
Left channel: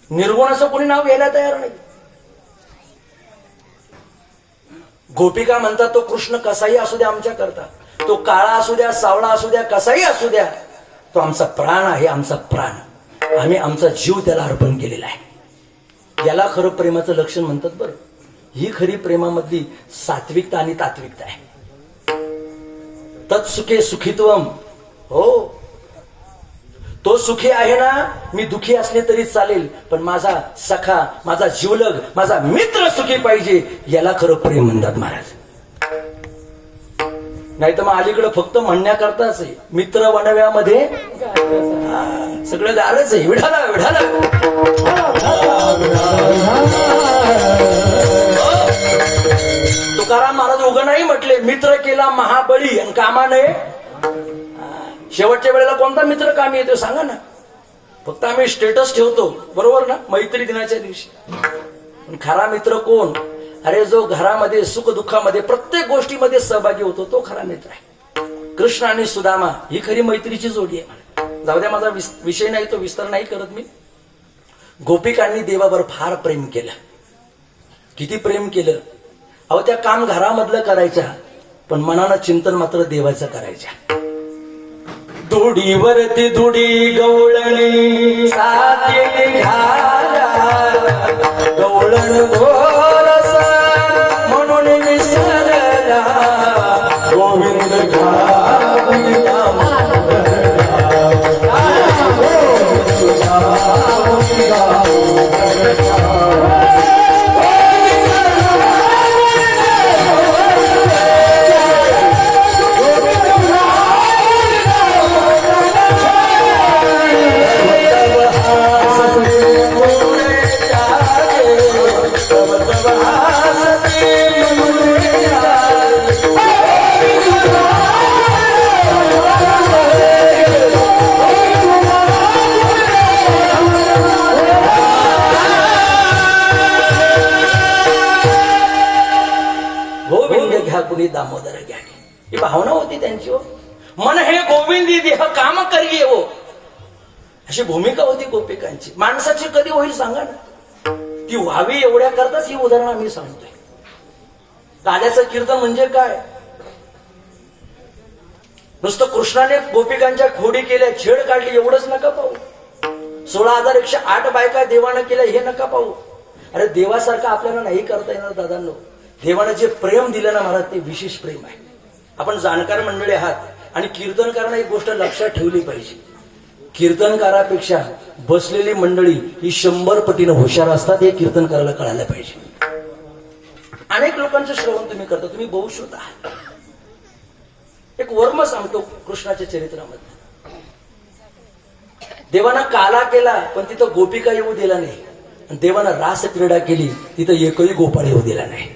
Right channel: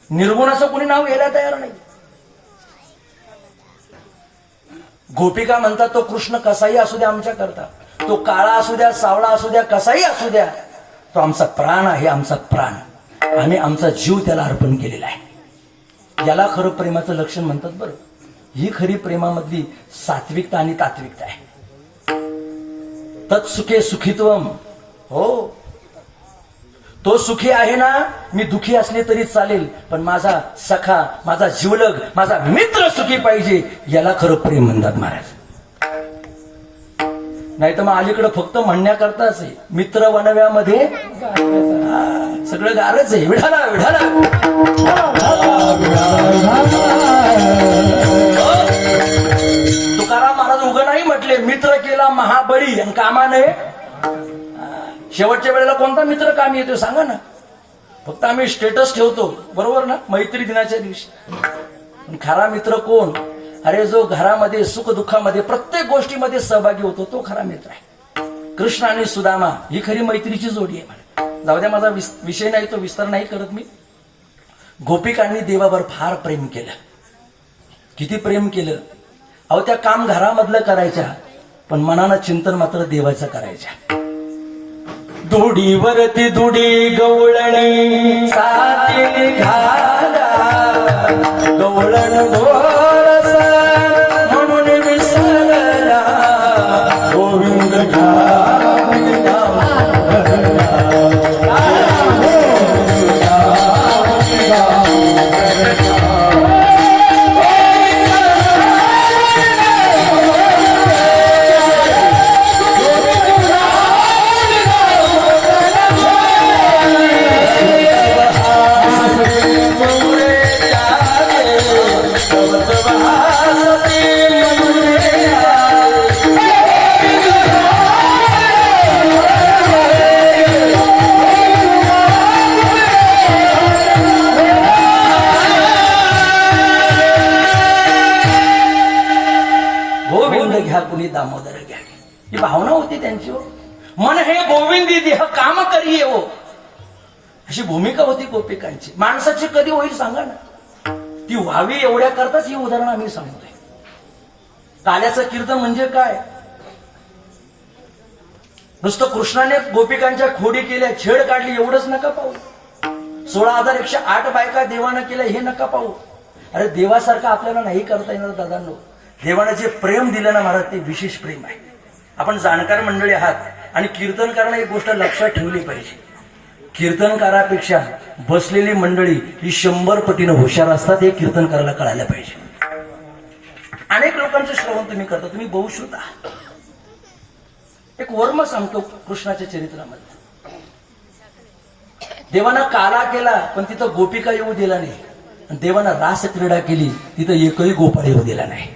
निर्गुणाचं कोणी नाव घ्यायला तयार नाही. गोपिका म्हणतात तो कृष्ण कसाही असू द्या आमच्या करता, तो काळा असू द्या सावळा असू द्या कसाही असू द्या, तो आमचा प्राण आहे, आमचा प्राण. आम्ही आमचा जीव त्याला अर्पण केलेला आहे. याला खरं प्रेमाचं लक्षण म्हणतात. बरं, ही खरी प्रेमामधली सात्विकता आणि तात्विकता आहे. तत्सुखे सुखित्वम. हो, तो सुखी आहे ना, मी दुखी असले तरी चालेल, पण माझा सखा, माझा जीवलग, माझा मित्र सुखी पाहिजे. याला खरं प्रेम म्हणतात महाराज. नाही तर मग अलीकडे फक्त म्हणण्याकरताच आहे. मित्र वनव्यामध्ये सगळं गारच आहे. विढाला विढाला. तुकाराम महाराज उगा नाही म्हटले, मित्र केला महाबळी आणि कामाने. शेवटच्या वेळेला कोणता मित्र काम येतो सांगा ना. फक्त आम्ही स्टेटस ठेवतो, बरोबर ना, मैत्री दिनाच्या दिवशी. पण खरा मित्र कोण? अरे जो घरामध्ये सुख दुःखामध्ये प्रत्येक गोष्टीमध्ये सहभागी होतो, तो खरा मित्र आहे. कृष्ण आणि सुदामा ही खरी मैत्रीची जोडी आहे. जाऊ द्या, माझा विषय नाही, तो विस्तार नाही करत मी. गोपिकांनी देवावर फार प्रेम केलं. किती प्रेम केलं अहो. त्या काम घरामधलं करायच्या, पण मनानं चिंतन मात्र देवाचं करायच्या. दुडीवरती दुडी गवळणी साथी घाला, गवळण गोरस म्हणून विसरला, गोविंद दामोदर घ्या, ही भावना होती त्यांची. हो, मन हे गोविंदी देह काम करी हो, अशी भूमिका होती गोपिकांची. माणसाची कधी होईल सांगा ना. ती व्हावी एवढ्या करताच ही उदाहरण आम्ही सांगतोय. काल्याचं कीर्तन म्हणजे काय? नुसतं कृष्णाने गोपिकांच्या खोडी केल्या, छेड काढली एवढंच नका पाहू. 16,108 बायका देवानं केल्या हे नका पाहू. अरे देवासारखं आपल्याला नाही करता येणार दादांनो. देवानं जे प्रेम दिलं ना महाराज, ते विशेष प्रेम आहे. आपण जाणकार मंडळी आहात आणि कीर्तनकारांना एक गोष्ट लक्षात ठेवली पाहिजे. कीर्तनकारापेक्षा बसलेली मंडळी ही 100 पटीनं हुशार असतात. हे कीर्तनकाराला कळायला पाहिजे. अनेक लोकांचं श्रवण तुम्ही करता, तुम्ही बहुश्रुत आहात. एक वर्म सांगतो कृष्णाच्या चरित्रामध्ये. देवाना काला केला पण तिथं गोपिका येऊ दिला नाही. आणि देवानं रास क्रीडा केली, तिथं एकही गोपाळ येऊ दिला नाही.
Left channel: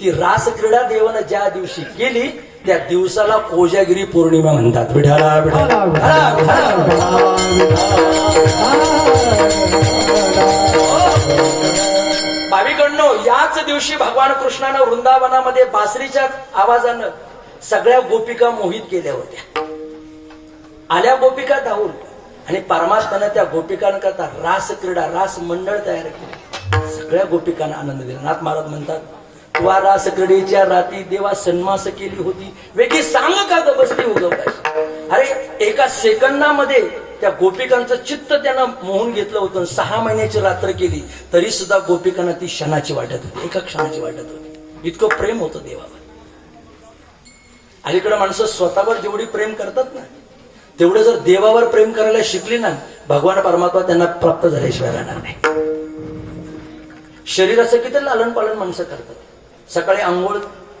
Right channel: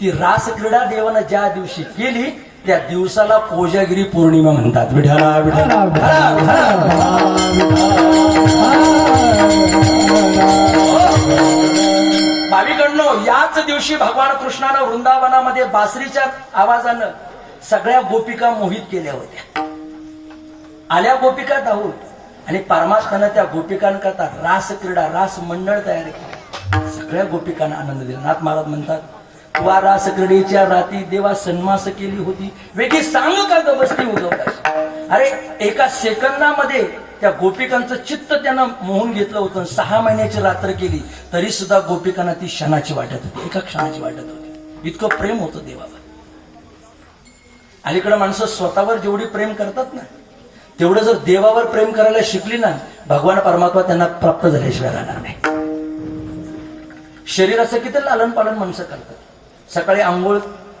ती रास क्रीडा देवानं ज्या दिवशी केली त्या दिवसाला कोजागिरी पौर्णिमा म्हणतात. विठाला विठाला भाविकांनो, याच दिवशी भगवान कृष्णानं वृंदावनामध्ये बासरीच्या आवाजानं सगळ्या गोपिका मोहित केल्या होत्या. आल्या गोपिका धावून आणि परमात्म्यानं त्या गोपिकांकरता रास क्रीडा, रास मंडळ तयार केलं. सगळ्या गोपिकांना आनंद दिला. नाथ महाराज म्हणतात, तुला रास क्रीडेच्या राती देवा सन्मास केली होती, वेगळी सांग का बसती उदोपास. अरे एका सेकंदामध्ये त्या गोपिकांचं चित्त त्यानं मोहून घेतलं होतं. 6 महिन्याची रात्र केली तरी सुद्धा गोपिकांना ती क्षणाची वाटत होती, एका क्षणाची वाटत होती. इतकं प्रेम होतं देवावर. अलीकडे माणसं स्वतःवर जेवढी प्रेम करतात ना, तेवढं जर देवावर प्रेम करायला शिकली ना, भगवान परमात्मा त्यांना प्राप्त झाल्याशिवाय राहणार नाही. शरीराचं किती लालन पालन माणसं करतात. सकाळी आंघोळ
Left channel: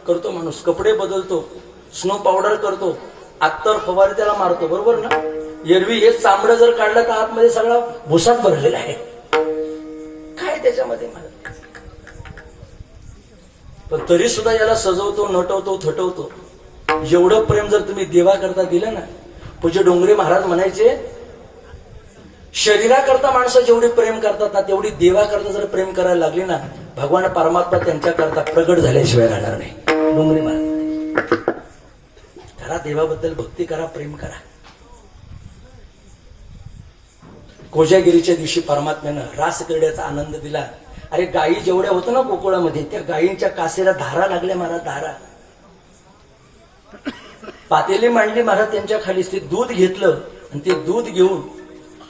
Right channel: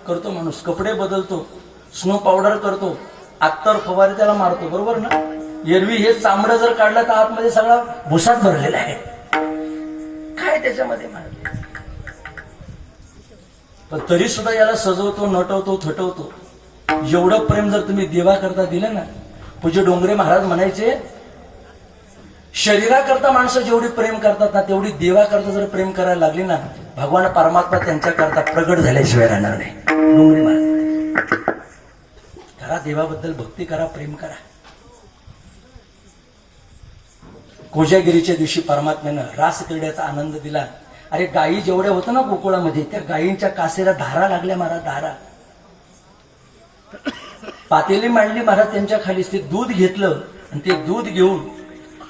करतो माणूस, कपडे बदलतो, स्नो पावडर करतो, अत्तर फवारे त्याला मारतो, बरोबर ना. एरवी हे चांबडं जर काढलं तर आतमध्ये सगळा भुसाट भरलेला आहे. काय त्याच्यामध्ये मारत, पण तरी सुद्धा याला सजवतो, नटवतो, थटवतो. एवढं प्रेम जर तुम्ही देवा करता दिलं ना, पूज्य डोंगरे महाराज म्हणायचे, शरीराकरता माणसं जेवढी प्रेम करतात ना, तेवढी देवा करता जर प्रेम करायला लागली ना, भगवान परमात्मा त्यांच्याकरता प्रगट झाल्याशिवाय राहणार नाही. डोंगरे महाराज करा, देवाबद्दल भक्ती करा, प्रेम करा. कोजागिरीच्या दिवशी परमात्म्यानं रास क्रीडेचा आनंद दिला. अरे गायी जेवढ्या होत्या ना गोकुळामध्ये, त्या गायींच्या कासेला धारा लागल्या महाराज, धारा. पातेली मांडली महाराज त्यांच्या खाली, ते दूध घेतलं आणि ते दूध घेऊन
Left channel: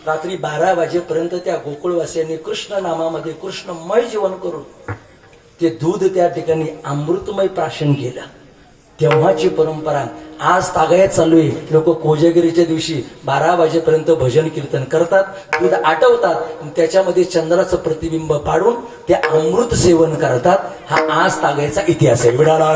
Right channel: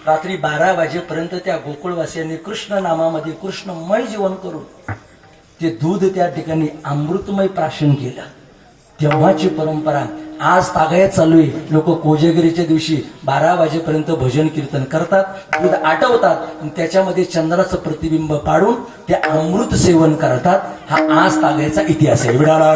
रात्री 12 वाजेपर्यंत त्या गोकुळवासियांनी कृष्ण नामामध्ये कृष्णमय जीवन करून ते दूध त्या ठिकाणी अमृतमय प्राशन केलं. तेव्हाची परंपरा आज तागायत चालू आहे. लोक कोजागिरीच्या दिवशी 12 वाजेपर्यंत भजन कीर्तन करतात, दूध आटवतात, त्याच्यामध्ये चंद्राचं प्रतिबिंब पाडून ते अमृत सेवन करतात. हा आज तागायचा इतिहास आहे. विडाळा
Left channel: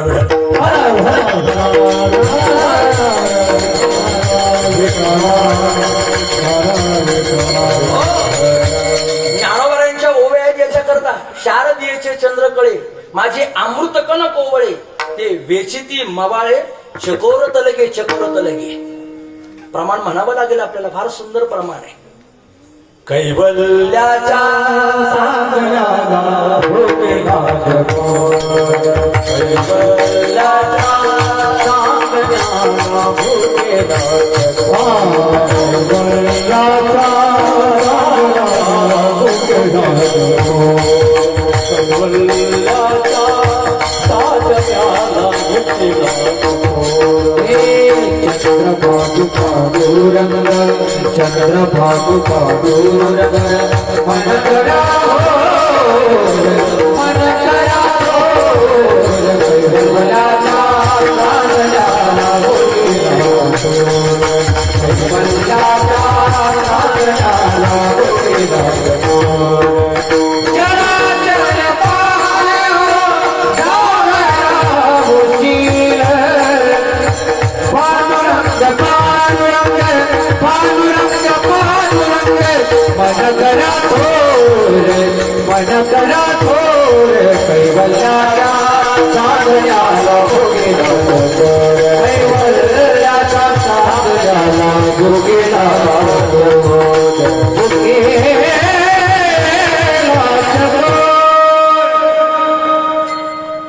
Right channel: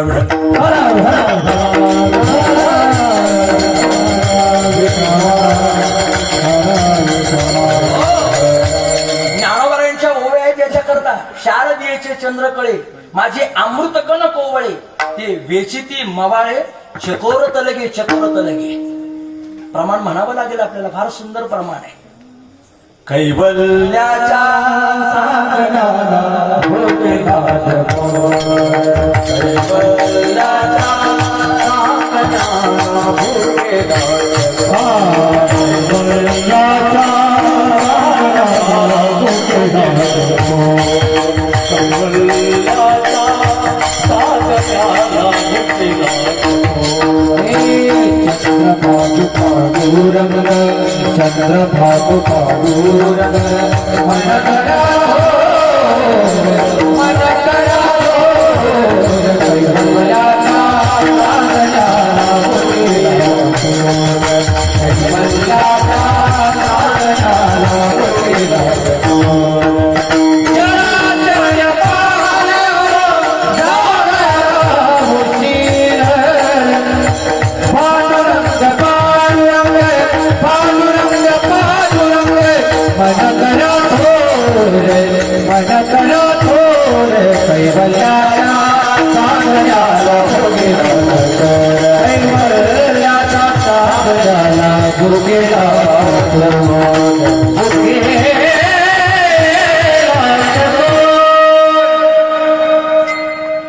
ज्ञानोबरायांच्या ओव्या याच्या करता, शारदीयेचे चंद्रकळे माझे अमृत कन कोवळे, ते वेचिती मवाळे चकोर तलगे, चकोर तलगे. प्रमाण म्हणावं लागेल आपल्याला, फार सुंदर प्रमाण आहे. कैवल्याच्या चंद्रभागु पादूरंग मन करो मन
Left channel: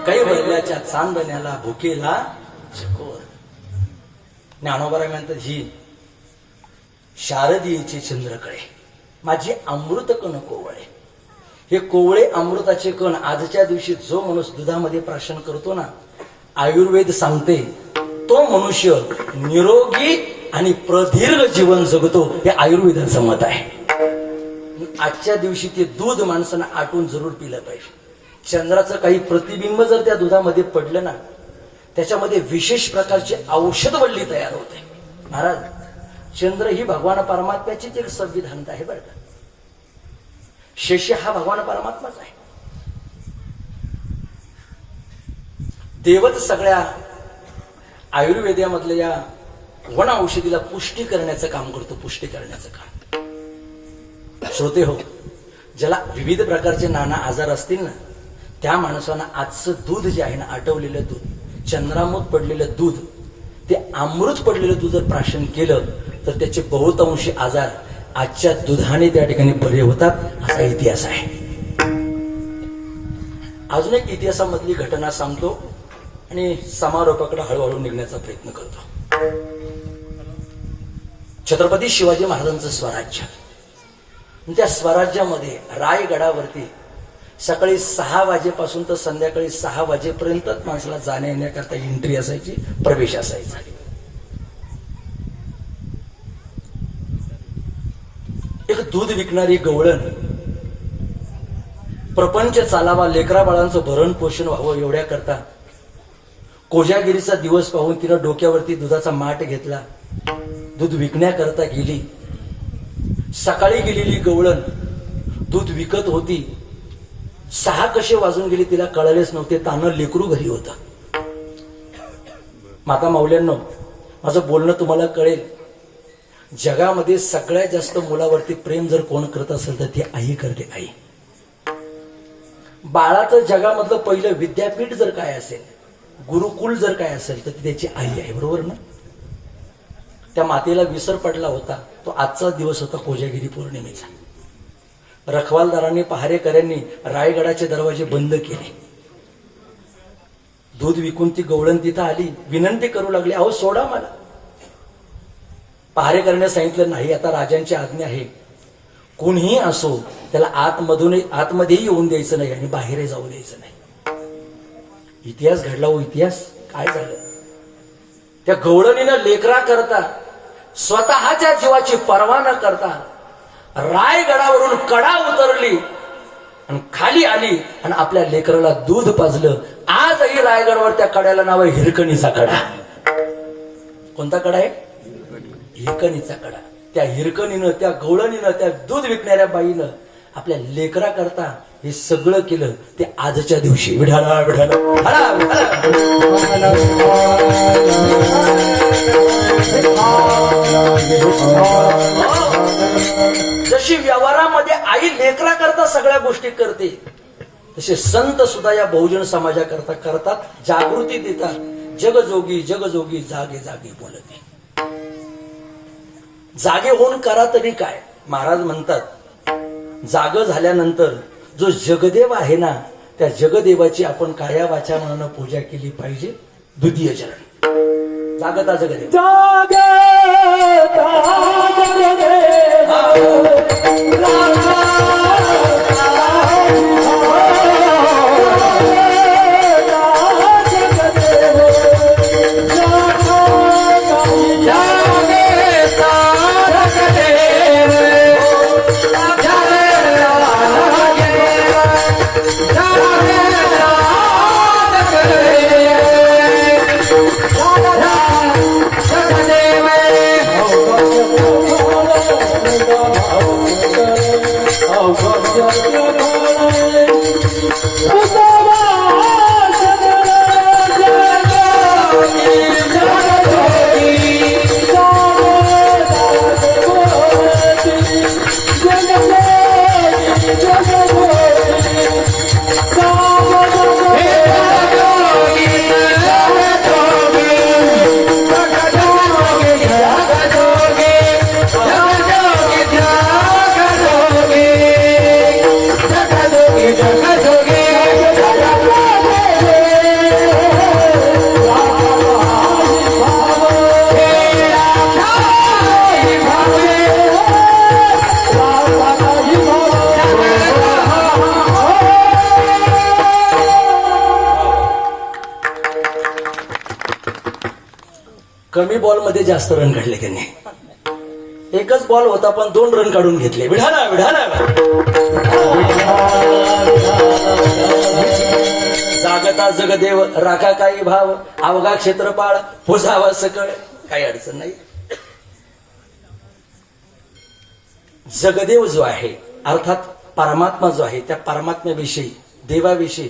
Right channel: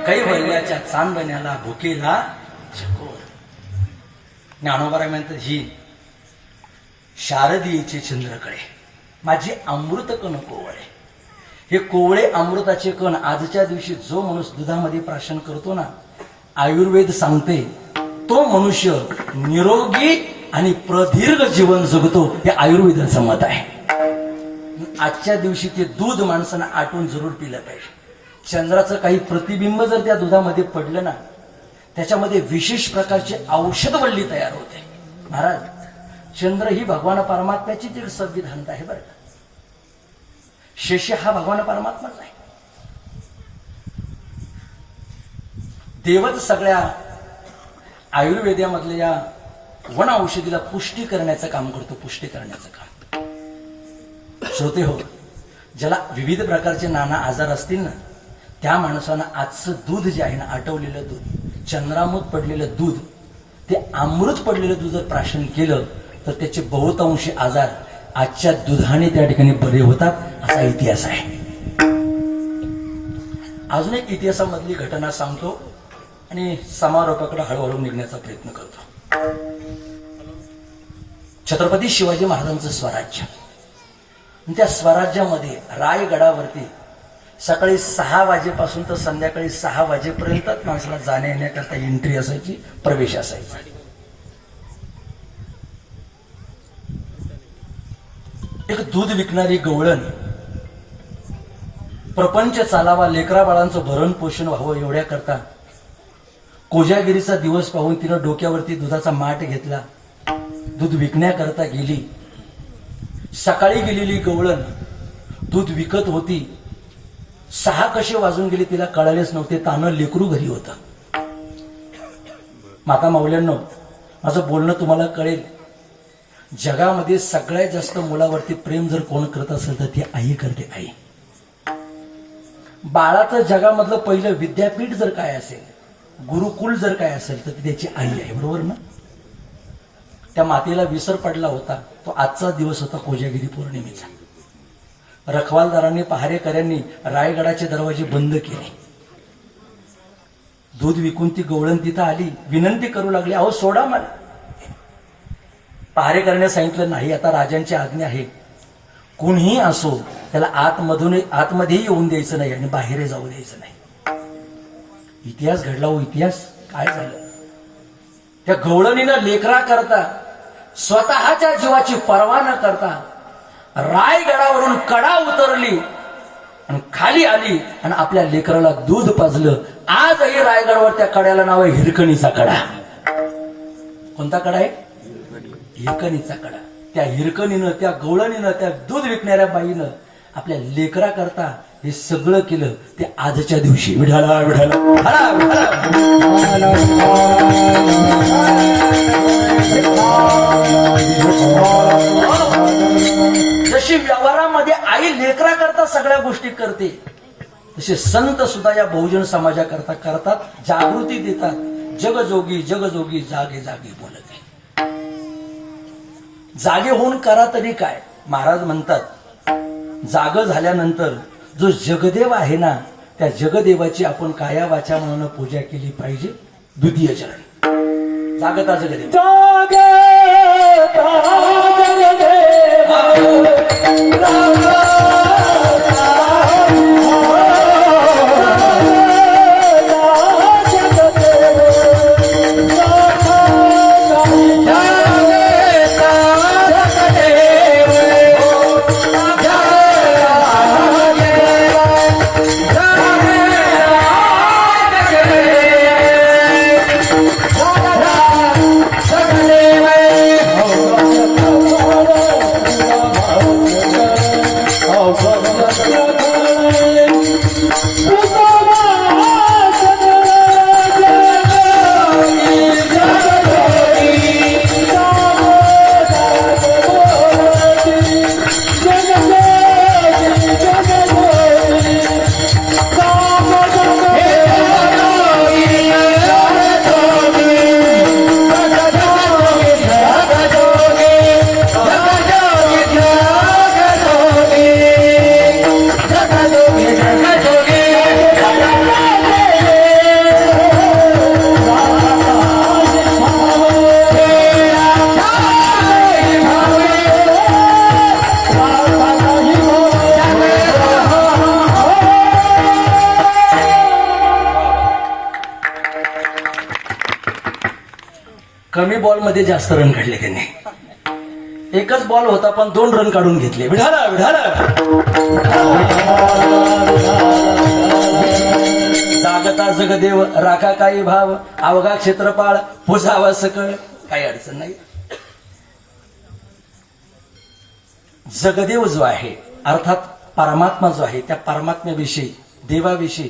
कैवल्याच्या चांदण्याला भुकेला चकोर. ज्ञानोबराय म्हणतात, ही शारदीयेचे चंद्रकळे माझी अमृत कण कोवळे. हे कोवळे अमृताचे कण आजच्या दिवशी जो माणूस दुधामध्ये प्राशन करतो ना, आयुर्वेद सांगते तो मनुष्य निरोगी आणि प्रदीर्घ जीवन जगतो. हे आयुर्वेदाचं मत आहे. आजच्या दिवशी ते दूध माणसानं आटून जरूर पिलं पाहिजे. चंद्राचं काही प्रतिबिंब जर त्या दुधामध्ये पडलं ना, त्याच्यामध्ये विशेष प्रकारची औषधवल्ली तयार होते. महाराज, चंद्र ही भगवान परमात्म्याचीच एक संविधान आहे बरं का. शेष हा भगवान परमात्माच आहे. देवच सगळ्या आयुर्वेदामधल्या या वन औषधीला पुष्टी करण्याचं काम करतो. पुष्टी करण्याचं काम. श्रोते हो, ज्याला विविध प्रकारचे नाना आजार असतील ना, त्या माणसानं आजचं दूध जे आहे ना, आटवलेलं दूध, चंद्रामूत पडलेलं दूध, ते अमृत पडलेलं दूध जर प्राशन केलं तर त्याचे बहुतांशी आजार आजच्या दुधाने त्या ठिकाणी बरे होतात, असा इतिहास आहे. अजून एक इतिहासामधली घटना सांगतो आणि समारोपाकडे हळूहळू निघण्याचा प्रयत्न करतो. छत्रपती शिवाजी महाराजांचं स्वराज्य. त्या स्वराज्यामध्ये रायगडावरती सकाळी 6 वाजेपासून तर संध्याकाळी 6 वाजेपर्यंतच माणसाला जाण्या येण्याकरता एंट्री असायची, प्रवेश असायचा. एक दूध विकणारी गवळण, प्रपंच चालावा, लेकरा बाळांचं भरण पोषण व्हावं एवढ्या करता कोजागिरीचा दिवस पाहून तिनं डोक्यावरती दुधाचा माठ घेतला, दूध विकण्याकरता गेली. सकाळी गेलेली गवळण दूध विकत होती. 6 कसे वाजून गेले तिला कळालेच नव्हते. तानं लेकरू घरी होतं. माता माऊल्यांनो, माझं बोलणं तुम्हाला कळेल. जगामध्ये सगळ्यात जास्त मुलावरती प्रेम जर कोण करत असेल तर ती आई करते. आई. बाळाचं जगामधलं पहिलं विद्यापीठ जर काय असेल, गुरुकुल जर काय असेल तर त्याची आई आहे. बरोबर ना? त्या मातेला विसर पडला होता. तो आजचा दिवस होता कोजागिरी पौर्णिमेचा. रखवालदारांनी, पहारेकऱ्यांनी रायगडाचे दरवाजे बंद केले. दूध विकून ती गवळण तिथं आली, विनंती करू लागली, अहो सोडा मला. पहारेकऱ्याने सांगितलं, नाही, आता राजांची आज्ञा आहे, कोणीही असो त्याला आतमध्येही येऊन द्यायचं नाही आणि बाहेरही जाऊ द्यायचं नाही. इतिहास घडला हो इतिहास. काय झालं? त्या गवळणीनं लेकरा करता स्वतःच्या जीवाची पर्वा न करता रायगडावरून कडा उतरली आणि खाली आली आणि आपल्या लेकराला दूध पाजलं. आजही रायगडावर त्या कड्याला नाव आहे हिरकणीचा कडा. कोणता कडा आहे? हिरकणीचा कडा. त्या हिरकणीनं, त्या गवळणीनं, त्या दूध विकणाऱ्या बाईनं आपल्या लेकरा करता हे सगळं केलं. ते आजच्या दिवशी विढाला विढाला जशी व्यवहारामध्ये आई लेकरा करता सगळ्या गोष्टी करते, तसे संत सुद्धा या बहुजन समाजाकरता करतात, जागृती देतात. जगजोगी जगजोगी जागे जागे बोलते. जागे होऊन करा तरी काय. महाराज म्हणतात, जाग झाल्यानंतर जो जगदेव आहे ना, त्या जगदेवाची आपण काया वाचा मनानं पूजा केली पाहिजे. द्वितीय चरण. जागता जगदेव. कमी बॉल मध्ये जास्त रन काढले त्यांनी. एकच बॉल होता पण 2 रन काढून घेतले. विढाला विढाला जागता जगदेव राखा काही भाव अवघा क्षेत्रपाळ पुजावा सकळ. काही अडचण नाही. जगदेव जो आहे अर्थात परमात्मा जो आहे त्या परमात्म्याविषयी देवाविषयी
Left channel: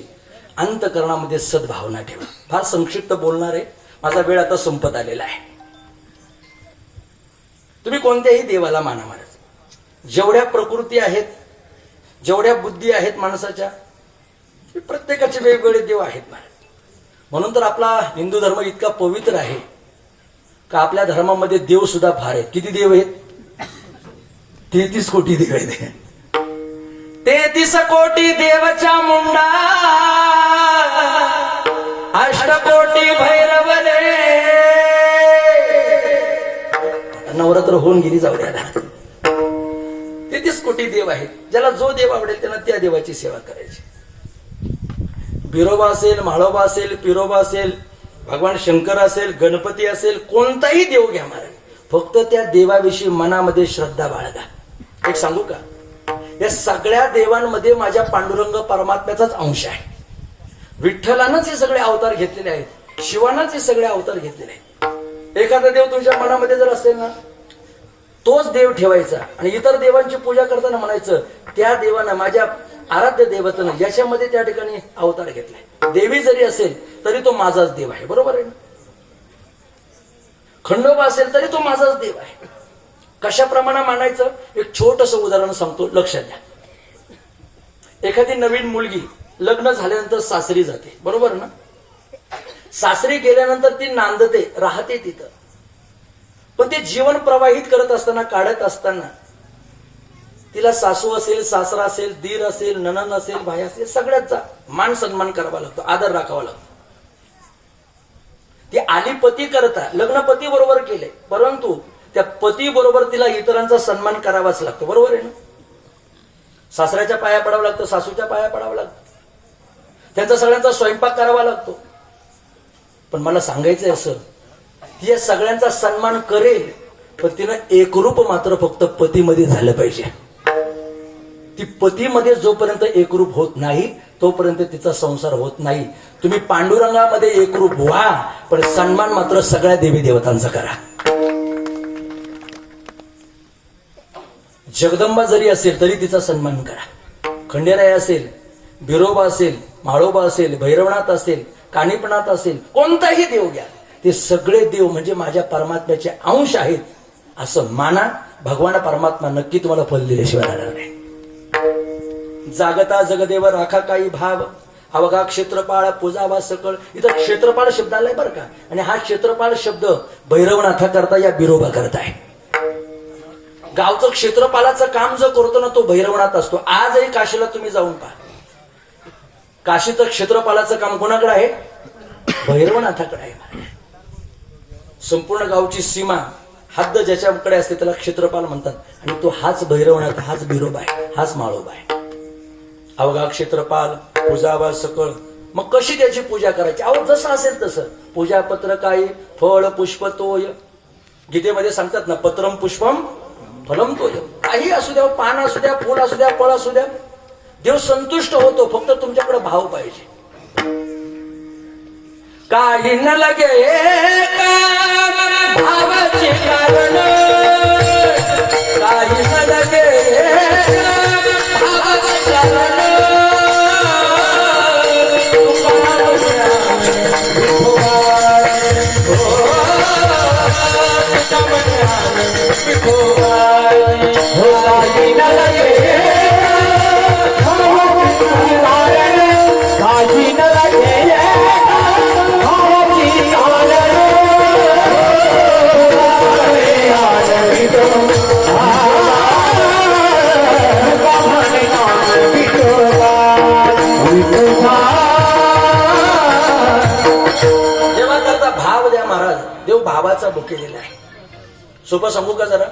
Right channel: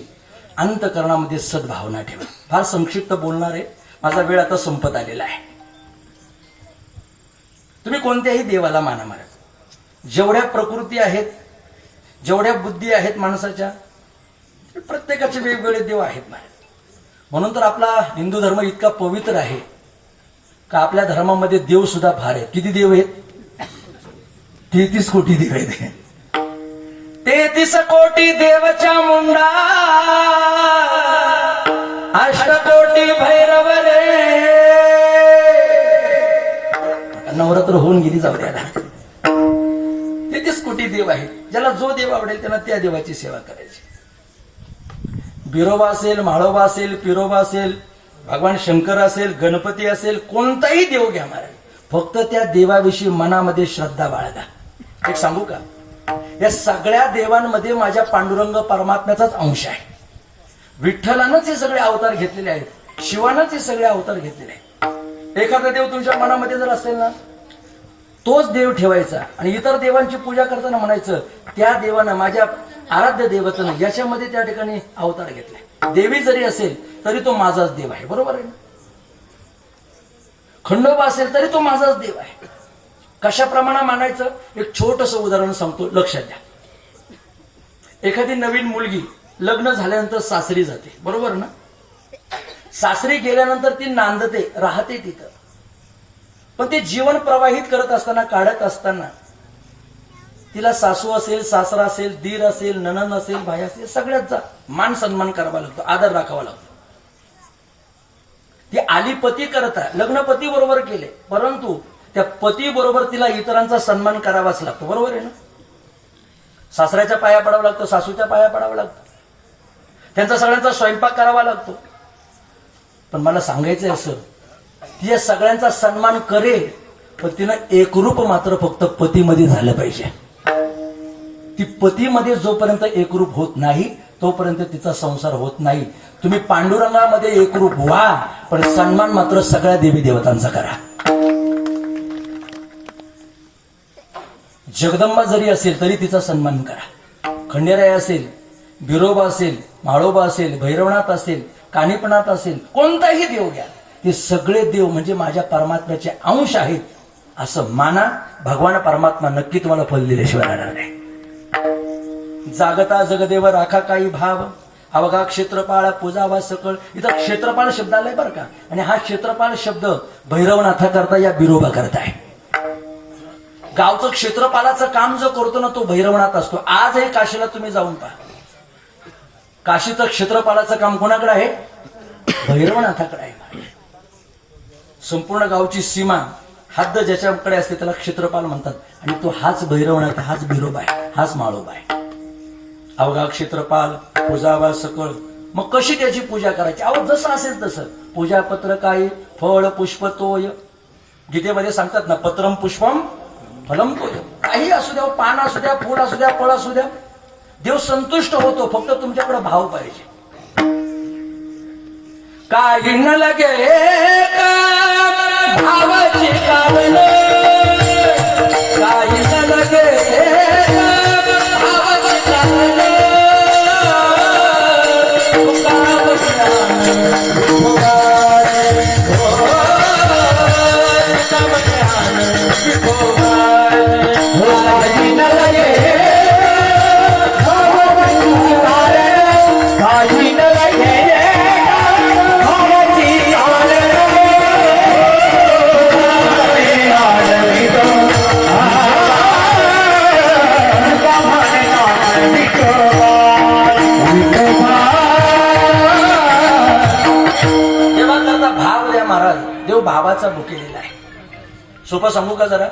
अंतकरणामध्ये सद्भावना ठेवा. फार संक्षिप्त बोलणार आहे, माझा वेळ आता संपत आलेला आहे. तुम्ही कोणत्याही देवाला माना महाराज. जेवढ्या प्रकृती आहेत जेवढ्या बुद्धी आहेत माणसाच्या प्रत्येकाचे वेगवेगळे देव आहेत महाराज. म्हणून तर आपला हिंदू धर्म इतका पवित्र आहे का आपल्या धर्मामध्ये देव सुद्धा फार आहेत. किती देव आहेत? 33 कोटी देव आहेत. 33 कोटी देवच्या मुंडा अष्टकोटी भैरव रे. नवरात्र होऊन गेली, जाऊ द्या. 33 कोटी देव आहेत. ज्याला जो देव आवडेल त्यांना त्या देवाची सेवा करायची. बिरोबा असेल, म्हाळोबा असेल, पिरोबा असेल, भगवान शंकर असेल, गणपती असेल, कोणताही देव घ्या महाराज. फक्त त्या देवाविषयी मनामध्ये श्रद्धा बाळगा. एक सांगू का, या सगळ्या देवांमध्ये माझ्या पांडुरंग परमात्म्याचाच अंश आहे. विठ्ठलानंच हे सगळे अवतार घेतलेले आहेत, शिवानंच हे सगळे अवतार घेतलेले आहेत. एखादा देव तुमच्या मनामध्ये जर असेल ना तोच देव ठेवायचा आणि इतर देवांची पूजा करताना म्हणायचं त्या देवानं माझ्या आराध्य देवतेनं याच्यामध्ये त्या ठिकाणी अवतार घेतलाय. देवी जरी असेल तरी तो माझाच देव आहे. बरोबर आहे ना? खंडोबा असेल तरी तो माझाच देव आहे. कशाप्रमाणे मानायचं एक छोटस उदाहरण सांगतो, लक्षात घ्या. एखादी नवीन मुलगी लग्न झाल्यानंतर सासरी जाते, बरोबर ना? सासरी गेल्यानंतर ती नांदते, राहते तिथं. पण ते जीवन प्रवाहित करत असताना, काढत असताना तिला सासू असेल, सासरा असेल, दीर असेल, नणन असेल, भाई असेल, सगळ्याचा मान सन्मान करावा लागतो, आदर राखावा लागतो. ती आली पती करता, लग्न पती बरोबर केले, परंतु त्या पती बरोबर तिला इतरांचा सन्मान करावाच लागतो. बरोबर आहे ना? सासऱ्याच्या पाया पडावं लागतं, सासूच्या पाया पडावं लागतं, त्यांचा सगळ्यांचा स्वयंपाक करावा लागतो. पण मला सांगायचंय असं, ती या सगळ्यांचा सन्मान करेल पण तिनं एकरूप मात्र फक्त पतीमध्ये झालं पाहिजे. ती पतीमध्ये जोपर्यंत एकरूप होत नाही तोपर्यंत तिचा संसार होत नाही. तुम्ही पांडुरंगामध्ये एकरूप व्हा पण सन्मान मात्र सगळ्या देवी देवतांचा करा. जगदंबा जरी असेल तरी तिचा सन्मान करा. खंडेराय असेल, बिरोबा असेल, म्हाळोबा असेल, भैरवनाथ असेल, कानिपनाथ असेल, कोणताही देव घ्या, ते सगळे देव म्हणजे माझ्या परमात्म्याचे अंश आहेत असं माना. भगवान परमात्मा नक्की तुम्हाला फल दिल्याशिवाय राहणार नाही. जागता जगदेव राखा काही भाव अवघा क्षेत्रपाळ पूजावा सकळ. इथं क्षेत्रपाळ शब्द आलाय बरं का, आणि हा क्षेत्रपाळ शब्द भैरवनाथा करता या बिरोबा करताय. गावचं क्षेत्रपालाचं काम जो करतो ना तो भैरवनाथ असतो. आजही काशीला तुम्ही जाऊन पहा, काशीचं क्षेत्रपालाचं काम कोणाकडे आहे? भैरवनाथाकडे आहे. संपूर्ण गावची सीमा हद्द ज्याच्याकडे असते त्याला क्षेत्रपाल म्हणतात, आणि तो हाच भैरवनाथ, हाच बिरोबा आहे, हाच माळोबा आहे. अवघा क्षेत्रपाल पूजावा सकळ. मग कशी त्याची पूजा करायची? अहो जसं असेल तसं. पूजा पत्र काही फळ पुष्प तोय. गीतेमध्ये सांगतात ना, पत्रम पुष्पम फलम तोय. काही असू द्या, पान असू द्या, फूल असू द्या, फळ असू द्या, देव संतुष्ट होतो. फक्त तुमच्याकडे भाव पाहिजे. काही न लगे भावाचे कारण, काही न लगे भावाचे कारण. भावाचा बुक केलेला आहे. सोपं सांगू का जरा?